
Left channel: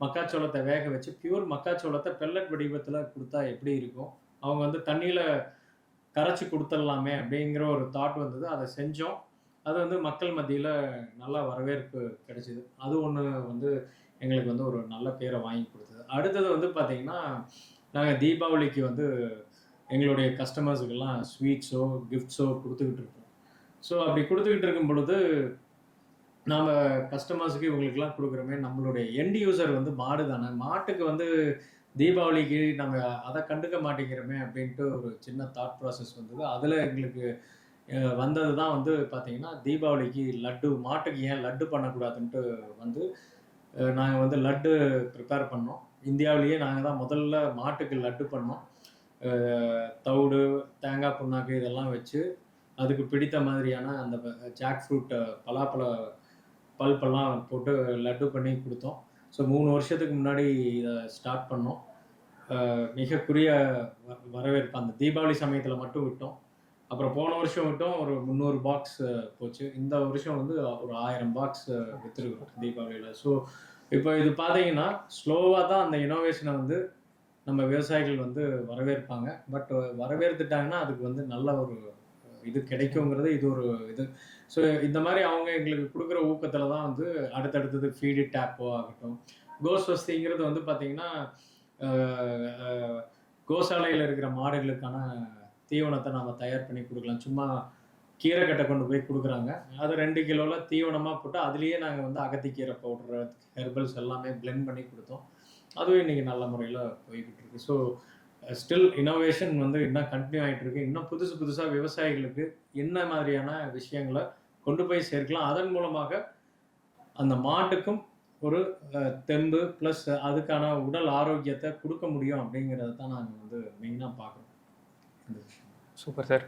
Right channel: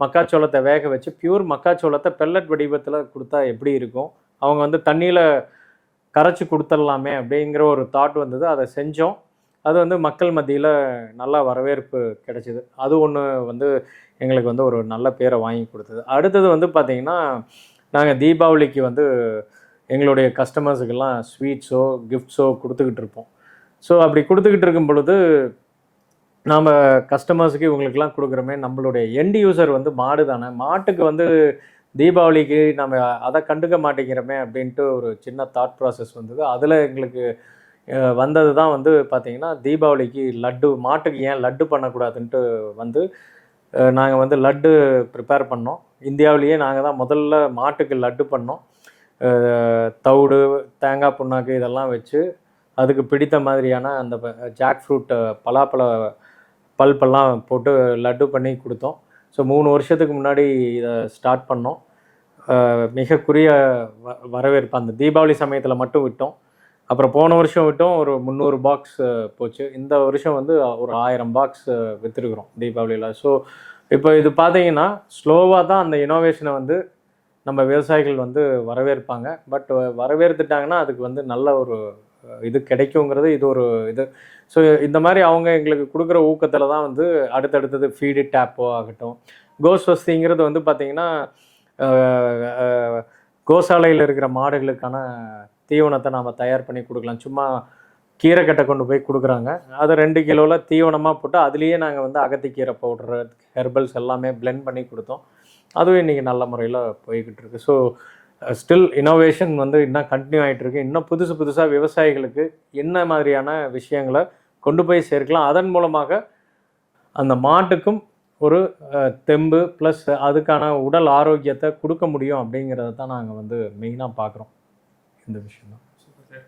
மக்காச்சோளத்தை வேக வச்சு பியூர் மக்காச்சோளத்தை பெல்லட் வடிவத்தில் கொடுத்தா எப்படி இருக்கும், அவங்க வந்து தண்ணியில் கரைச்சி கொடுத்துடலாமே அப்படிங்கிற ஒரு தாட் வந்தது. அதை செஞ்சோம். அது வந்து மக்கள் மத்தியில் நல்லா வரவேற்பு கிடைச்சிது. அது ஒன்று வந்து எங்களுக்கு வந்து ஒரு நல்ல பேரை வாங்கி கொடுத்தது. அடுத்தது வந்து பார்த்திங்கன்னா, நாங்கள் தீபாவளிக்கு வந்து எங்களுடைய கஸ்டமர்ஸுக்கெல்லாம் ஸ்வீட்ஸோ கிஃப்ட்ஸோ கொடுத்துக்கிட்டு இருப்போம். ஸோ அப்படி கொடுத்துக்கிட்டு இருக்கும் பொழுது நாம் கஸ்டமர்ஸுக்கு இவங்களுக்கெல்லாம் கொடுக்குறோமே, நம்மளுடைய எண்ட் யூசர் வந்து மாடு தானே, மாட்டுக்கு வந்து தீபாவளிக்கு நம்ம அதை கண்டுக்க மாட்டேங்கிறோமே அப்படின்ட்டு ஒரு சின்ன தாட் ப்ராசஸ் வந்தது. அதில் எங்களுக்கு வந்தது தான் வந்து பார்த்திங்கன்னா, தீபாவளிக்கு லட்டு, மாட்டுக்கு ஏன் லட்டு பண்ணக்கூடாதுன்ட்டு வந்து நாங்கள் வந்து லட்டு ப்ரிப்பேர் பண்ணோம். இந்தியாவிலேயே நாங்கள் தான் முதல்ல மாட்டுக்கு லட்டு பண்ணோம். தவிடு, தேங்காய் புண்ணாக்கு இதெல்லாம் வச்சு அதுக்கு பிடித்த மாதிரியான அந்த ஜாக் ஃப்ரூட், பலாப்பழ பல்பெல்லாம் போட்டு லட்டு பண்ணி கொடுத்தோம். ஸோ 3 வருஷத்துக்கு முன்னாடி இதை ஸ்டார்ட் பண்ணோம். மிகக்குரிய வரவேற்பு அந்த தீபாவளி சமயத்தில் மட்டும் விட்டோம். அப்புறம் போன வருஷம் விட்டோம் ஒரு 300 பாக்ஸ் போச்சு. இந்த வருஷம் வந்து ஒரு 1000 பாக்ஸ் விற்றுருக்குறோம் தீபாவளியில். ஸோ இப்போ இது பார்த்தீங்கன்னா ஸ்லோவாக தான் அந்த இனோவேஷனை வந்து நம்ம விவசாயிகள் வந்து வரவேற்பாங்க. பட் வரவேற்றுட்டாங்கன்னா அதுக்கு வந்து நல்ல ஒரு இது கிடைக்குங்கிறது இது ஒரு இது. ஸோ இந்த மாதிரி அவங்க எங்களுக்கு கொடுக்குற ஊக்கத்தில் தான் வந்து அடுத்தடுத்தது ஃபீடு டேப்போ ஆகட்டும், கோஸ்வஸ்திங்கிறது வந்து பார்த்திங்கன்னா கோசாலையில் இருக்கிற மாடுகளுக்கான தீவனத்தை நாம் தயார் பண்ணி கொடுக்கலாம். சும்மா கீரைக்கட்டை கொண்டு போய் கொடுக்குறாங்க. அதை 2 கிலோவில் தீவனமாக போட்டு அதுலேயே நாங்கள் வந்து அகத்திக்கீரை பவுட்ரு, ஹெர்பல்ஸ் எல்லாமே பிளெண்ட் பண்ணி கொடுத்தோம். அதுவும் இன்றைக்கி நல்ல முறையில் போய்கிட்டு இருக்கு. ஸோ ஸ்டில் இனோவேஷன் வந்து இன்னும் கண்டினியூ ஆகிட்டு இருக்கு. இன்னும் புதுசாக விவசாயிகளுக்கு என்ன மாதிரியான விஷயங்களை கொண்டு போய் சேர்க்கலாம், அதன் மூலமாக அந்த மாட்டுக்கும் ஒரு தெம்பு ப்ளஸ் அதுக்கான உடல் ஆரோக்கியத்தை கொடுக்க முடியும் அப்படிங்கிறத தான் நாங்கள் வந்து மெயினாக பார்க்குறோம் இந்த விஷயம். Super sir.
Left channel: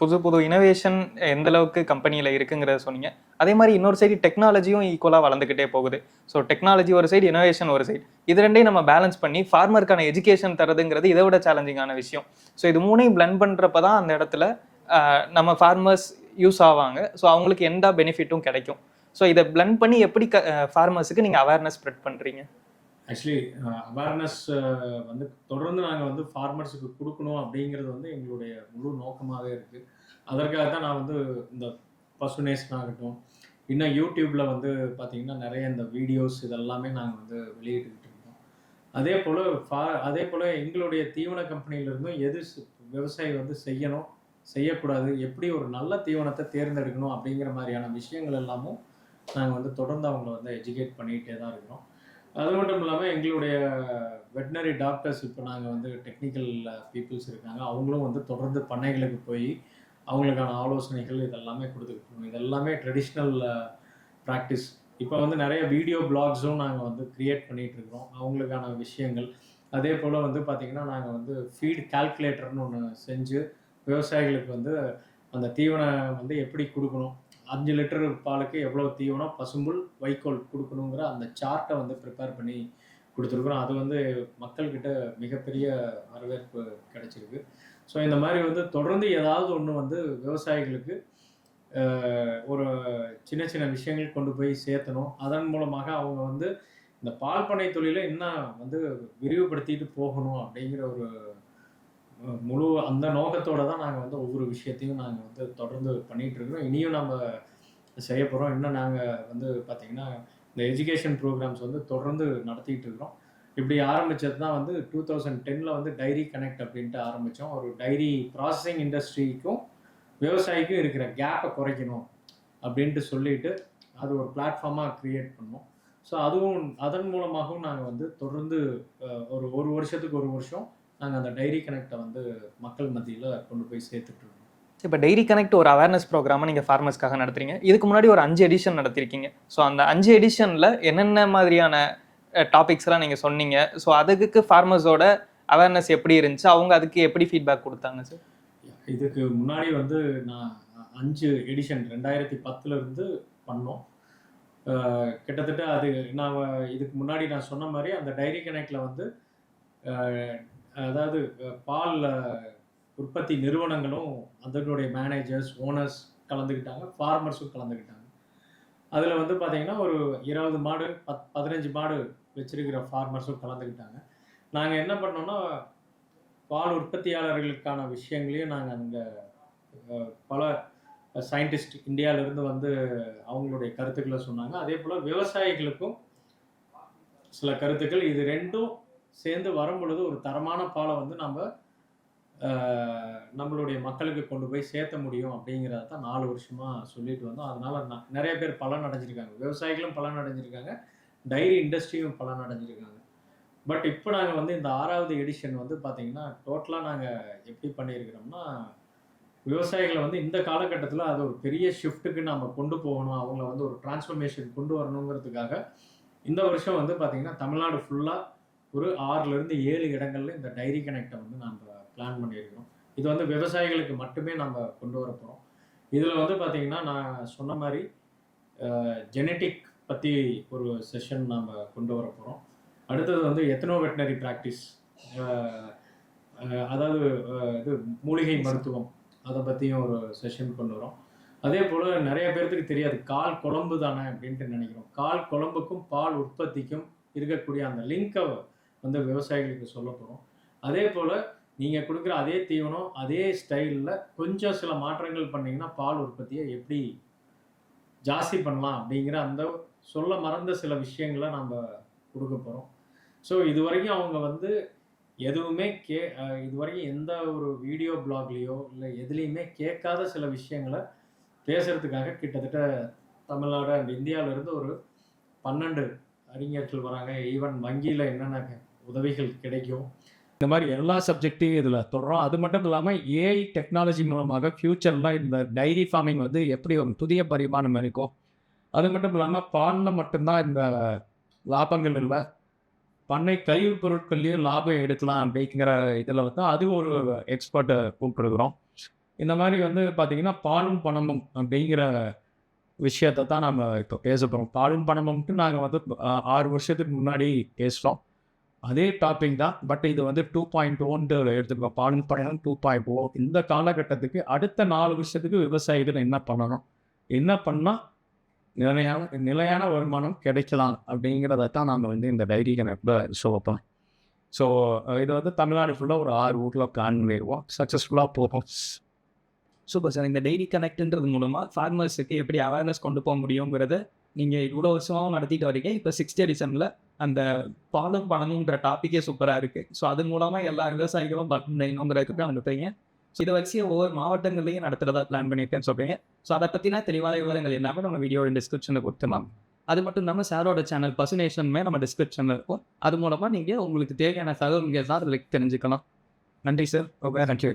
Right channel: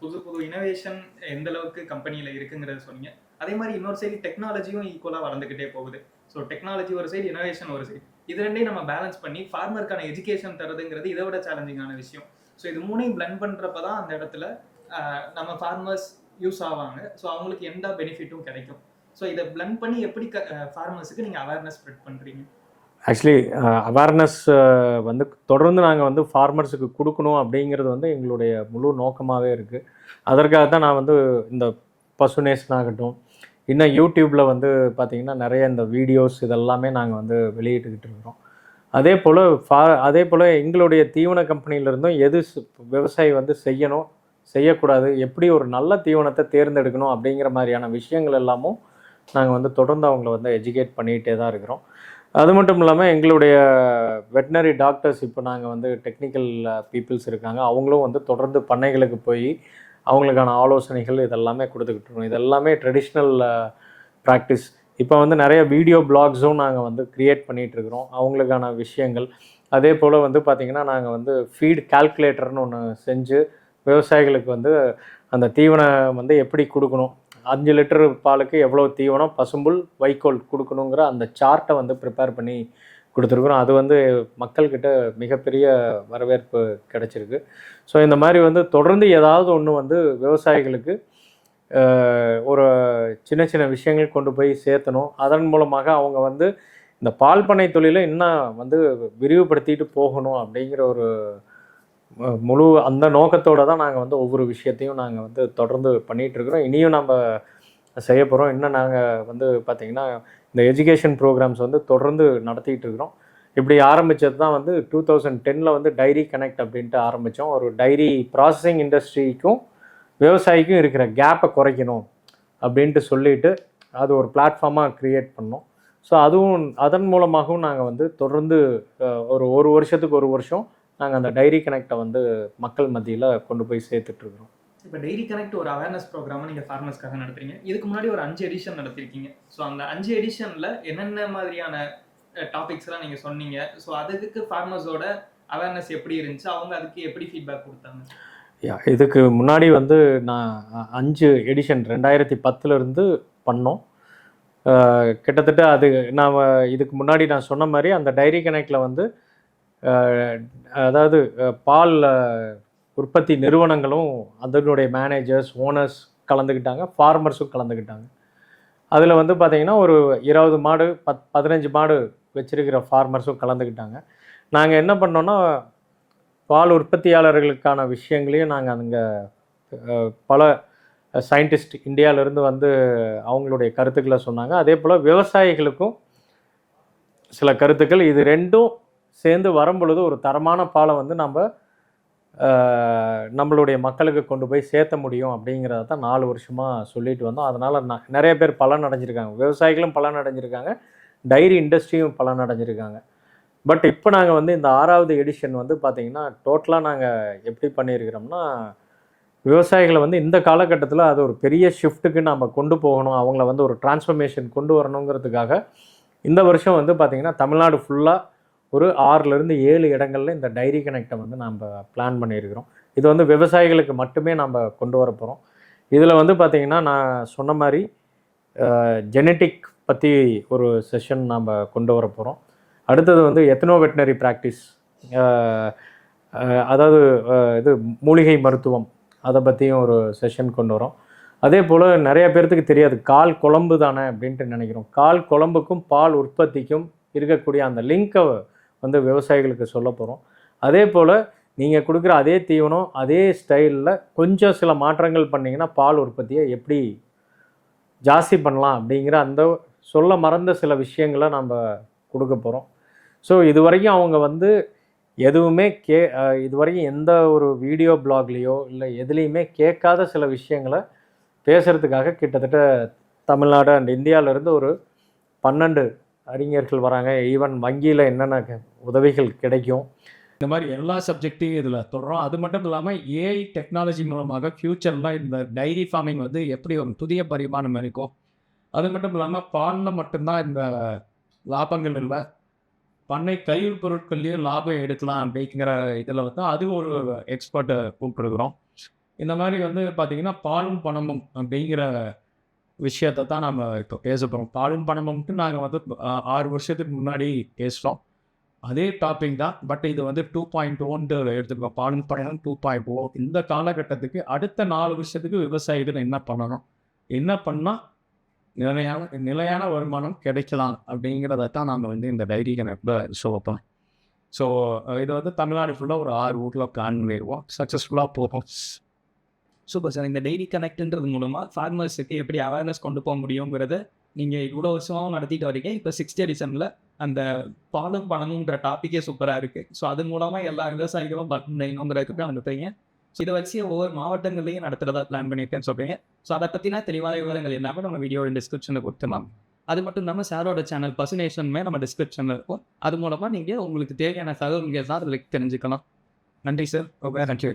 புது இனோவேஷன் எந்த அளவுக்கு கம்பெனியில் இருக்குங்கிறத சொன்னீங்க. அதே மாதிரி இன்னொரு சைடு டெக்னாலஜியும் ஈக்குவலாக வளர்ந்துக்கிட்டே போகுது. ஸோ டெக்னாலஜி ஒரு சைடு, இனோவேஷன் ஒரு சைடு, இது ரெண்டையும் நம்ம பேலன்ஸ் பண்ணி ஃபார்மருக்கான எஜுகேஷன் தரதுங்கிறது இதை விட சேலஞ்சிங்கான விஷயம். ஸோ இது மூணையும் பிளெண்ட் பண்ணுறப்ப தான் அந்த இடத்துல நம்ம ஃபார்மர்ஸ் யூஸ் ஆவாங்க. ஸோ அவங்களுக்கு எந்த பெனிஃபிட்டும் கிடைக்கும். ஸோ இதை பிளெண்ட் பண்ணி எப்படி ஃபார்மர்ஸுக்கு நீங்கள் அவேர்னஸ் ஸ்ப்ரெட் பண்ணுறீங்க? ஆக்சுவலி அவேர்னஸ் வந்து தொடர்ந்து நாங்கள் வந்து ஃபார்மர்ஸுக்கு கொடுக்கணும் அப்படிங்கிறது வந்து எங்களுடைய முழு நோக்கமாகவே இருக்குது. அதற்காக தான் நான் வந்து இந்த பசுநேசன் ஆகட்டும், இன்னும் யூடியூப்பில் வந்து பார்த்திங்கன்னா நிறைய இந்த வீடியோஸ் இதெல்லாமே நாங்கள் வந்து வெளியிட்டுக்கிட்டு இருக்கிறோம். அதே போல் எங்களுடைய தீவன கம்பெனியிலேருந்தும் எது விவசாயி வந்து செய்யணும், செய்யக்கூடாது, எப்படி ஒரு நல்ல தீவனத்தை தேர்ந்தெடுக்கணும் அப்படிங்கிற மாதிரியான விஷயங்கள் எல்லாமும் நாங்கள் வந்து தொடர்ந்து அவங்கள வந்து எஜுகேட் பண்ணிகிட்டே தான் இருக்கிறோம். அது மட்டும் இல்லாமல் எங்களுடைய வெட்டினரி டாக்டர்ஸ் இப்போ நாங்கள் வந்து டெக்னிக்கல் பீப்புள்ஸ் இருக்காங்க. அவங்களும் வந்து தொடர்ந்து பண்ணைகளுக்கு போய் அவங்களுக்கான ஆலோசனைகள் இதெல்லாமே கொடுத்துக்கிட்டு இருக்கோம். இதெல்லாமே ட்ரெடிஷ்னல் ப்ராக்டிஸ். இப்போ வந்து நிறைய வீடியோ பிளாக்ஸும் நாங்கள் வந்து க்ரியேட் பண்ணிகிட்ருக்குறோம் அவங்களுக்கான விஷயங்கள். அதே போல் வந்து பார்த்திங்கன்னா நாங்கள் வந்து ஃபீட் கால்குலேட்டர்னு ஒன்று செஞ்சு விவசாயிகளுக்கு வந்து அந்த தீவனம் வந்து எப்படி கொடுக்கணும், 5 லிட்டர் பாலுக்கு எவ்வளோ தீவனம், பசும்புல், வைக்கோல் கொடுக்கணுங்கிற அந்த சார்ட்டை வந்து ப்ரிப்பேர் பண்ணி கொடுத்துருக்குறோம். அது வந்து மக்கள்கிட்ட மிகப்பெரிய வரவேற்பு கிடைச்சிருக்கு. ஸோ இந்த மாதிரி வந்து தொடர்ந்து ஏதாவது ஒன்று வந்து விவசாயிகளுக்கு ஒரு சின்ன சின்ன விஷயங்கள் கொண்டு போய் சேர்த்தணும். அதன் மூலமாக அவங்க வந்து இந்த பால் பண்ணை தொழிலை இன்னும் வந்து விரிவுபடுத்திட்டு போகணும் அப்படிங்கிற ஒரு முழு அந்த நோக்கத்தோடு தான் நாங்கள் வந்து ஒவ்வொரு விஷயத்தையும் நாங்கள் வந்து தொடர்ந்து பண்ணிகிட்ருக்குறோம். இனியும் நம்ம செய்ய போகிறோம். இன்னும் நாங்கள் வந்து பார்த்திங்கன்னா இந்த எஜுகேஷன் ப்ரோக்ராம்ஸ் வந்து தொடர்ந்து நடத்திட்டு இருக்கிறோம். இப்படி ஆரம்பித்தது தான் வந்து 2010 வந்து டைரி கனெக்ட் அப்படின்ட்டு ஆரம்பித்தோம். ஒரு டைரி ப்ராசஸிங் இண்டஸ்ட்ரிக்கும் விவசாயிக்கும் இருக்கிற கேப்பை குறைக்கணும் அப்படின்ட்டு சொல்லிவிட்டு அது ஒரு பிளாட்ஃபார்மாக க்ரியேட் பண்ணோம். ஸோ அதுவும் அதன் மூலமாகவும் நாங்கள் வந்து தொடர்ந்து ஒரு வருஷத்துக்கு ஒரு வருஷம் நாங்கள் அந்த டைரி கனெக்டை வந்து மக்கள் மத்தியில் கொண்டு போய் சேர்த்துட்ருக்குறோம். இப்போ டைரி கனெக்ட் ஒரு அவேர்னஸ் ப்ரோக்ராமை நீங்கள் ஃபார்மர்ஸ்க்காக நடத்துறீங்க. இதுக்கு முன்னாடி ஒரு 5 எடிஷன் நடத்திருக்கீங்க. ஸோ அந்த 5 எடிஷனில் என்னென்ன மாதிரியான டாபிக்ஸ்லாம் நீங்கள் சொன்னீங்க? ஸோ அதுக்கு ஃபார்மர்ஸோட அவேர்னஸ் எப்படி இருந்துச்சு, அவங்க அதுக்கு எப்படி ஃபீட்பேக் கொடுத்தாங்க சார்? இதுக்கு முன்னாடி வந்து நான் 5 எடிஷன் 2010 பண்ணோம். கிட்டத்தட்ட அது நான் இதுக்கு முன்னாடி நான் சொன்ன மாதிரி அந்த டைரி கனெக்டில் வந்து அதாவது பால் உற்பத்தி நிறுவனங்களும் அதனுடைய மேனேஜர்ஸ், ஓனர்ஸ் கலந்துக்கிட்டாங்க, ஃபார்மர்ஸும் கலந்துக்கிட்டாங்க. அதில் வந்து பார்த்திங்கன்னா ஒரு 20 மாடு 15 மாடு வச்சுருக்கிற ஃபார்மர்ஸும் கலந்துக்கிட்டாங்க. நாங்கள் என்ன பண்ணோன்னா பால் உற்பத்தியாளர்களுக்கான விஷயங்களையும் நாங்கள் அங்கே பல சயின்டிஸ்ட் இந்தியாவிலேருந்து வந்து அவங்களுடைய கருத்துக்களை சொன்னாங்க. அதே போல் விவசாயிகளுக்கும் சில கருத்துக்கள். இது ரெண்டும் சேர்ந்து வரும்பொழுது ஒரு தரமான பாலை வந்து நம்மளுடைய மக்களுக்கு கொண்டு போய் சேர்த்த முடியும் அப்படிங்கிறத தான் 4 வருஷமாக சொல்லிட்டு வந்தோம். அதனால் நிறைய பேர் பலன் அடைஞ்சிருக்காங்க. விவசாயிகளும் பலன் அடைஞ்சிருக்காங்க, டைரி இண்டஸ்ட்ரியும் பலன் அடைஞ்சிருக்காங்க. பட் இப்போ நாங்கள் வந்து இந்த 6வது எடிஷன் வந்து பார்த்திங்கன்னா டோட்டலாக நாங்கள் எப்படி பண்ணியிருக்கிறோம்னா, விவசாயிகளை வந்து இந்த காலகட்டத்தில் அது ஒரு பெரிய ஷிஃப்ட்டுக்கு நம்ம கொண்டு போகணும், அவங்கள வந்து ஒரு டிரான்ஸ்ஃபர்மேஷன் கொண்டு வரணுங்கிறதுக்காக இந்த வருஷம் வந்து பார்த்திங்கன்னா தமிழ்நாடு ஃபுல்லாக ஒரு 6லேருந்து 7 இடங்களில் இந்த டைரி கனெக்டை வந்து நம்ம பிளான் பண்ணியிருக்கிறோம். இது வந்து விவசாயிகளுக்கு மட்டுமே நம்ம கொண்டு வர போகிறோம். இதில் வந்து பார்த்திங்கன்னா நான் சொன்ன மாதிரி ஜெனட்டிக் பற்றி ஒரு செஷன் நம்ம கொண்டு வர போகிறோம். அடுத்தது வந்து எத்னோ வெட்டினரி ப்ராக்டிஸ், அதாவது இது மூலிகை மருத்துவம், அதை பற்றியும் ஒரு செஷன் கொண்டு வரோம். அதே போல் நிறைய பேர்த்துக்கு தெரியாது கால் குழம்பு தானே அப்படின்ட்டு நினைக்கிறோம். கால் குழம்புக்கும் பால் உற்பத்திக்கும் இருக்கக்கூடிய அந்த லிங்கை வந்து விவசாயிகளுக்கு சொல்ல போகிறோம். அதே போல் நீங்கள் கொடுக்குற அதே தீவனம் அதே ஸ்டைலில் கொஞ்சம் சில மாற்றங்கள் பண்ணிங்கன்னா பால் உற்பத்தியை எப்படி ஜாஸ்தி பண்ணலாம் அப்படிங்கிற அந்த சொல்ல மறந்த சில விஷயங்களை நம்ம கொடுக்க போகிறோம். ஸோ இது வரைக்கும் அவங்க வந்து எதுவுமே இது வரைக்கும் எந்த ஒரு வீடியோ பிளாக்லேயோ இல்லை எதுலேயுமே கேட்காத சில விஷயங்களை பேசுகிறதுக்காக கிட்டத்தட்ட தமிழ்நாடு அண்ட் இந்தியாவிலேருந்து ஒரு 12 அறிஞர்கள் வராங்க. ஈவன் வங்கியில் என்னென்ன உதவிகள் கிடைக்கும் இந்த மாதிரி எல்லா சப்ஜெக்டையும் இதில் தொடரும். அது மட்டும் இல்லாமல் ஏஐ டெக்னாலஜி மூலமாக ஃப்யூச்சரில் இந்த டைரி ஃபார்மிங் வந்து எப்படி ஒரு புதிய பரிமாணம் இருக்கும். அது மட்டும் இல்லாமல் பாலில் மட்டும்தான் இந்த லாபங்கள் இல்லை, பண்ணை கழிவுப் பொருட்கள்லேயும் லாபம் எடுக்கலாம் அப்படிங்கிற இதில் வந்து அது ஒரு எக்ஸ்பர்ட்டை கூப்பிட்டுருக்குறோம். இந்த மாதிரி வந்து பார்த்திங்கன்னா பாலும் பணமும் அப்படிங்கிற விஷயத்தை தான் நம்ம இப்போ பேச போகிறோம். பாலும் பணமும்ட்டு நாங்கள் வந்து 6 வருஷத்துக்கு முன்னாடி பேசுகிறோம். அதே டாபிக் தான், பட் இது வந்து 2.1 எடுத்துக்கோம். பாலும் பணம் 2.0. இந்த காலகட்டத்துக்கு அடுத்த 4 வருஷத்துக்கு விவசாயிகள் என்ன பண்ணணும், என்ன பண்ணால் நிலையான வருமானம் கிடைக்கலாம் அப்படிங்கிறத தான் நாம் வந்து இந்த டைரி கணக்கில் சொல்லப்போம். ஸோ இது வந்து தமிழ்நாடு ஃபுல்லாக ஒரு 6 ஊரில் பிளான் பண்ணிடுவோம், சக்ஸஸ்ஃபுல்லாக போகும். Super sir. இந்த டைரி கனெக்ட்ன்றது மூலமாக ஃபார்மர்ஸுக்கு எப்படி அவேர்னஸ் கொண்டு போக முடியுங்கிறத நீங்கள் இவ்வளோ வருஷமாகவும் நடத்திட்டு வரீங்க. இப்போ 6th எடிஷனில் அந்த பாலும் பணமுங்கிற டாப்பிக்கே சூப்பராக இருக்குது. ஸோ அது மூலமாக எல்லா விவசாயிகளும் பண்ணணுங்கிறதுக்கு அனுப்புறீங்க. ஸோ இதை வச்சு ஒவ்வொரு மாவட்டங்கள்லையும் நடத்துகிறதா பிளான் பண்ணியிருக்கேன்னு சொல்கிறீங்க. ஸோ அதை பற்றினா தெளிவான விவரங்கள் எல்லாமே நம்ம வீடியோ டிஸ்கிரிப்ஷனில் கொடுத்துலாம். அது மட்டும் இல்லாமல் சாரோட சேனல் பசுநேஷனுமே நம்ம டிஸ்கிரிப்ஷனில் இருக்கும். அது மூலமாக நீங்கள் உங்களுக்கு தேவையான தகவல்கள் தான் அதில் தெரிஞ்சுக்கலாம். நன்றி சார். ஓகே, நன்றி.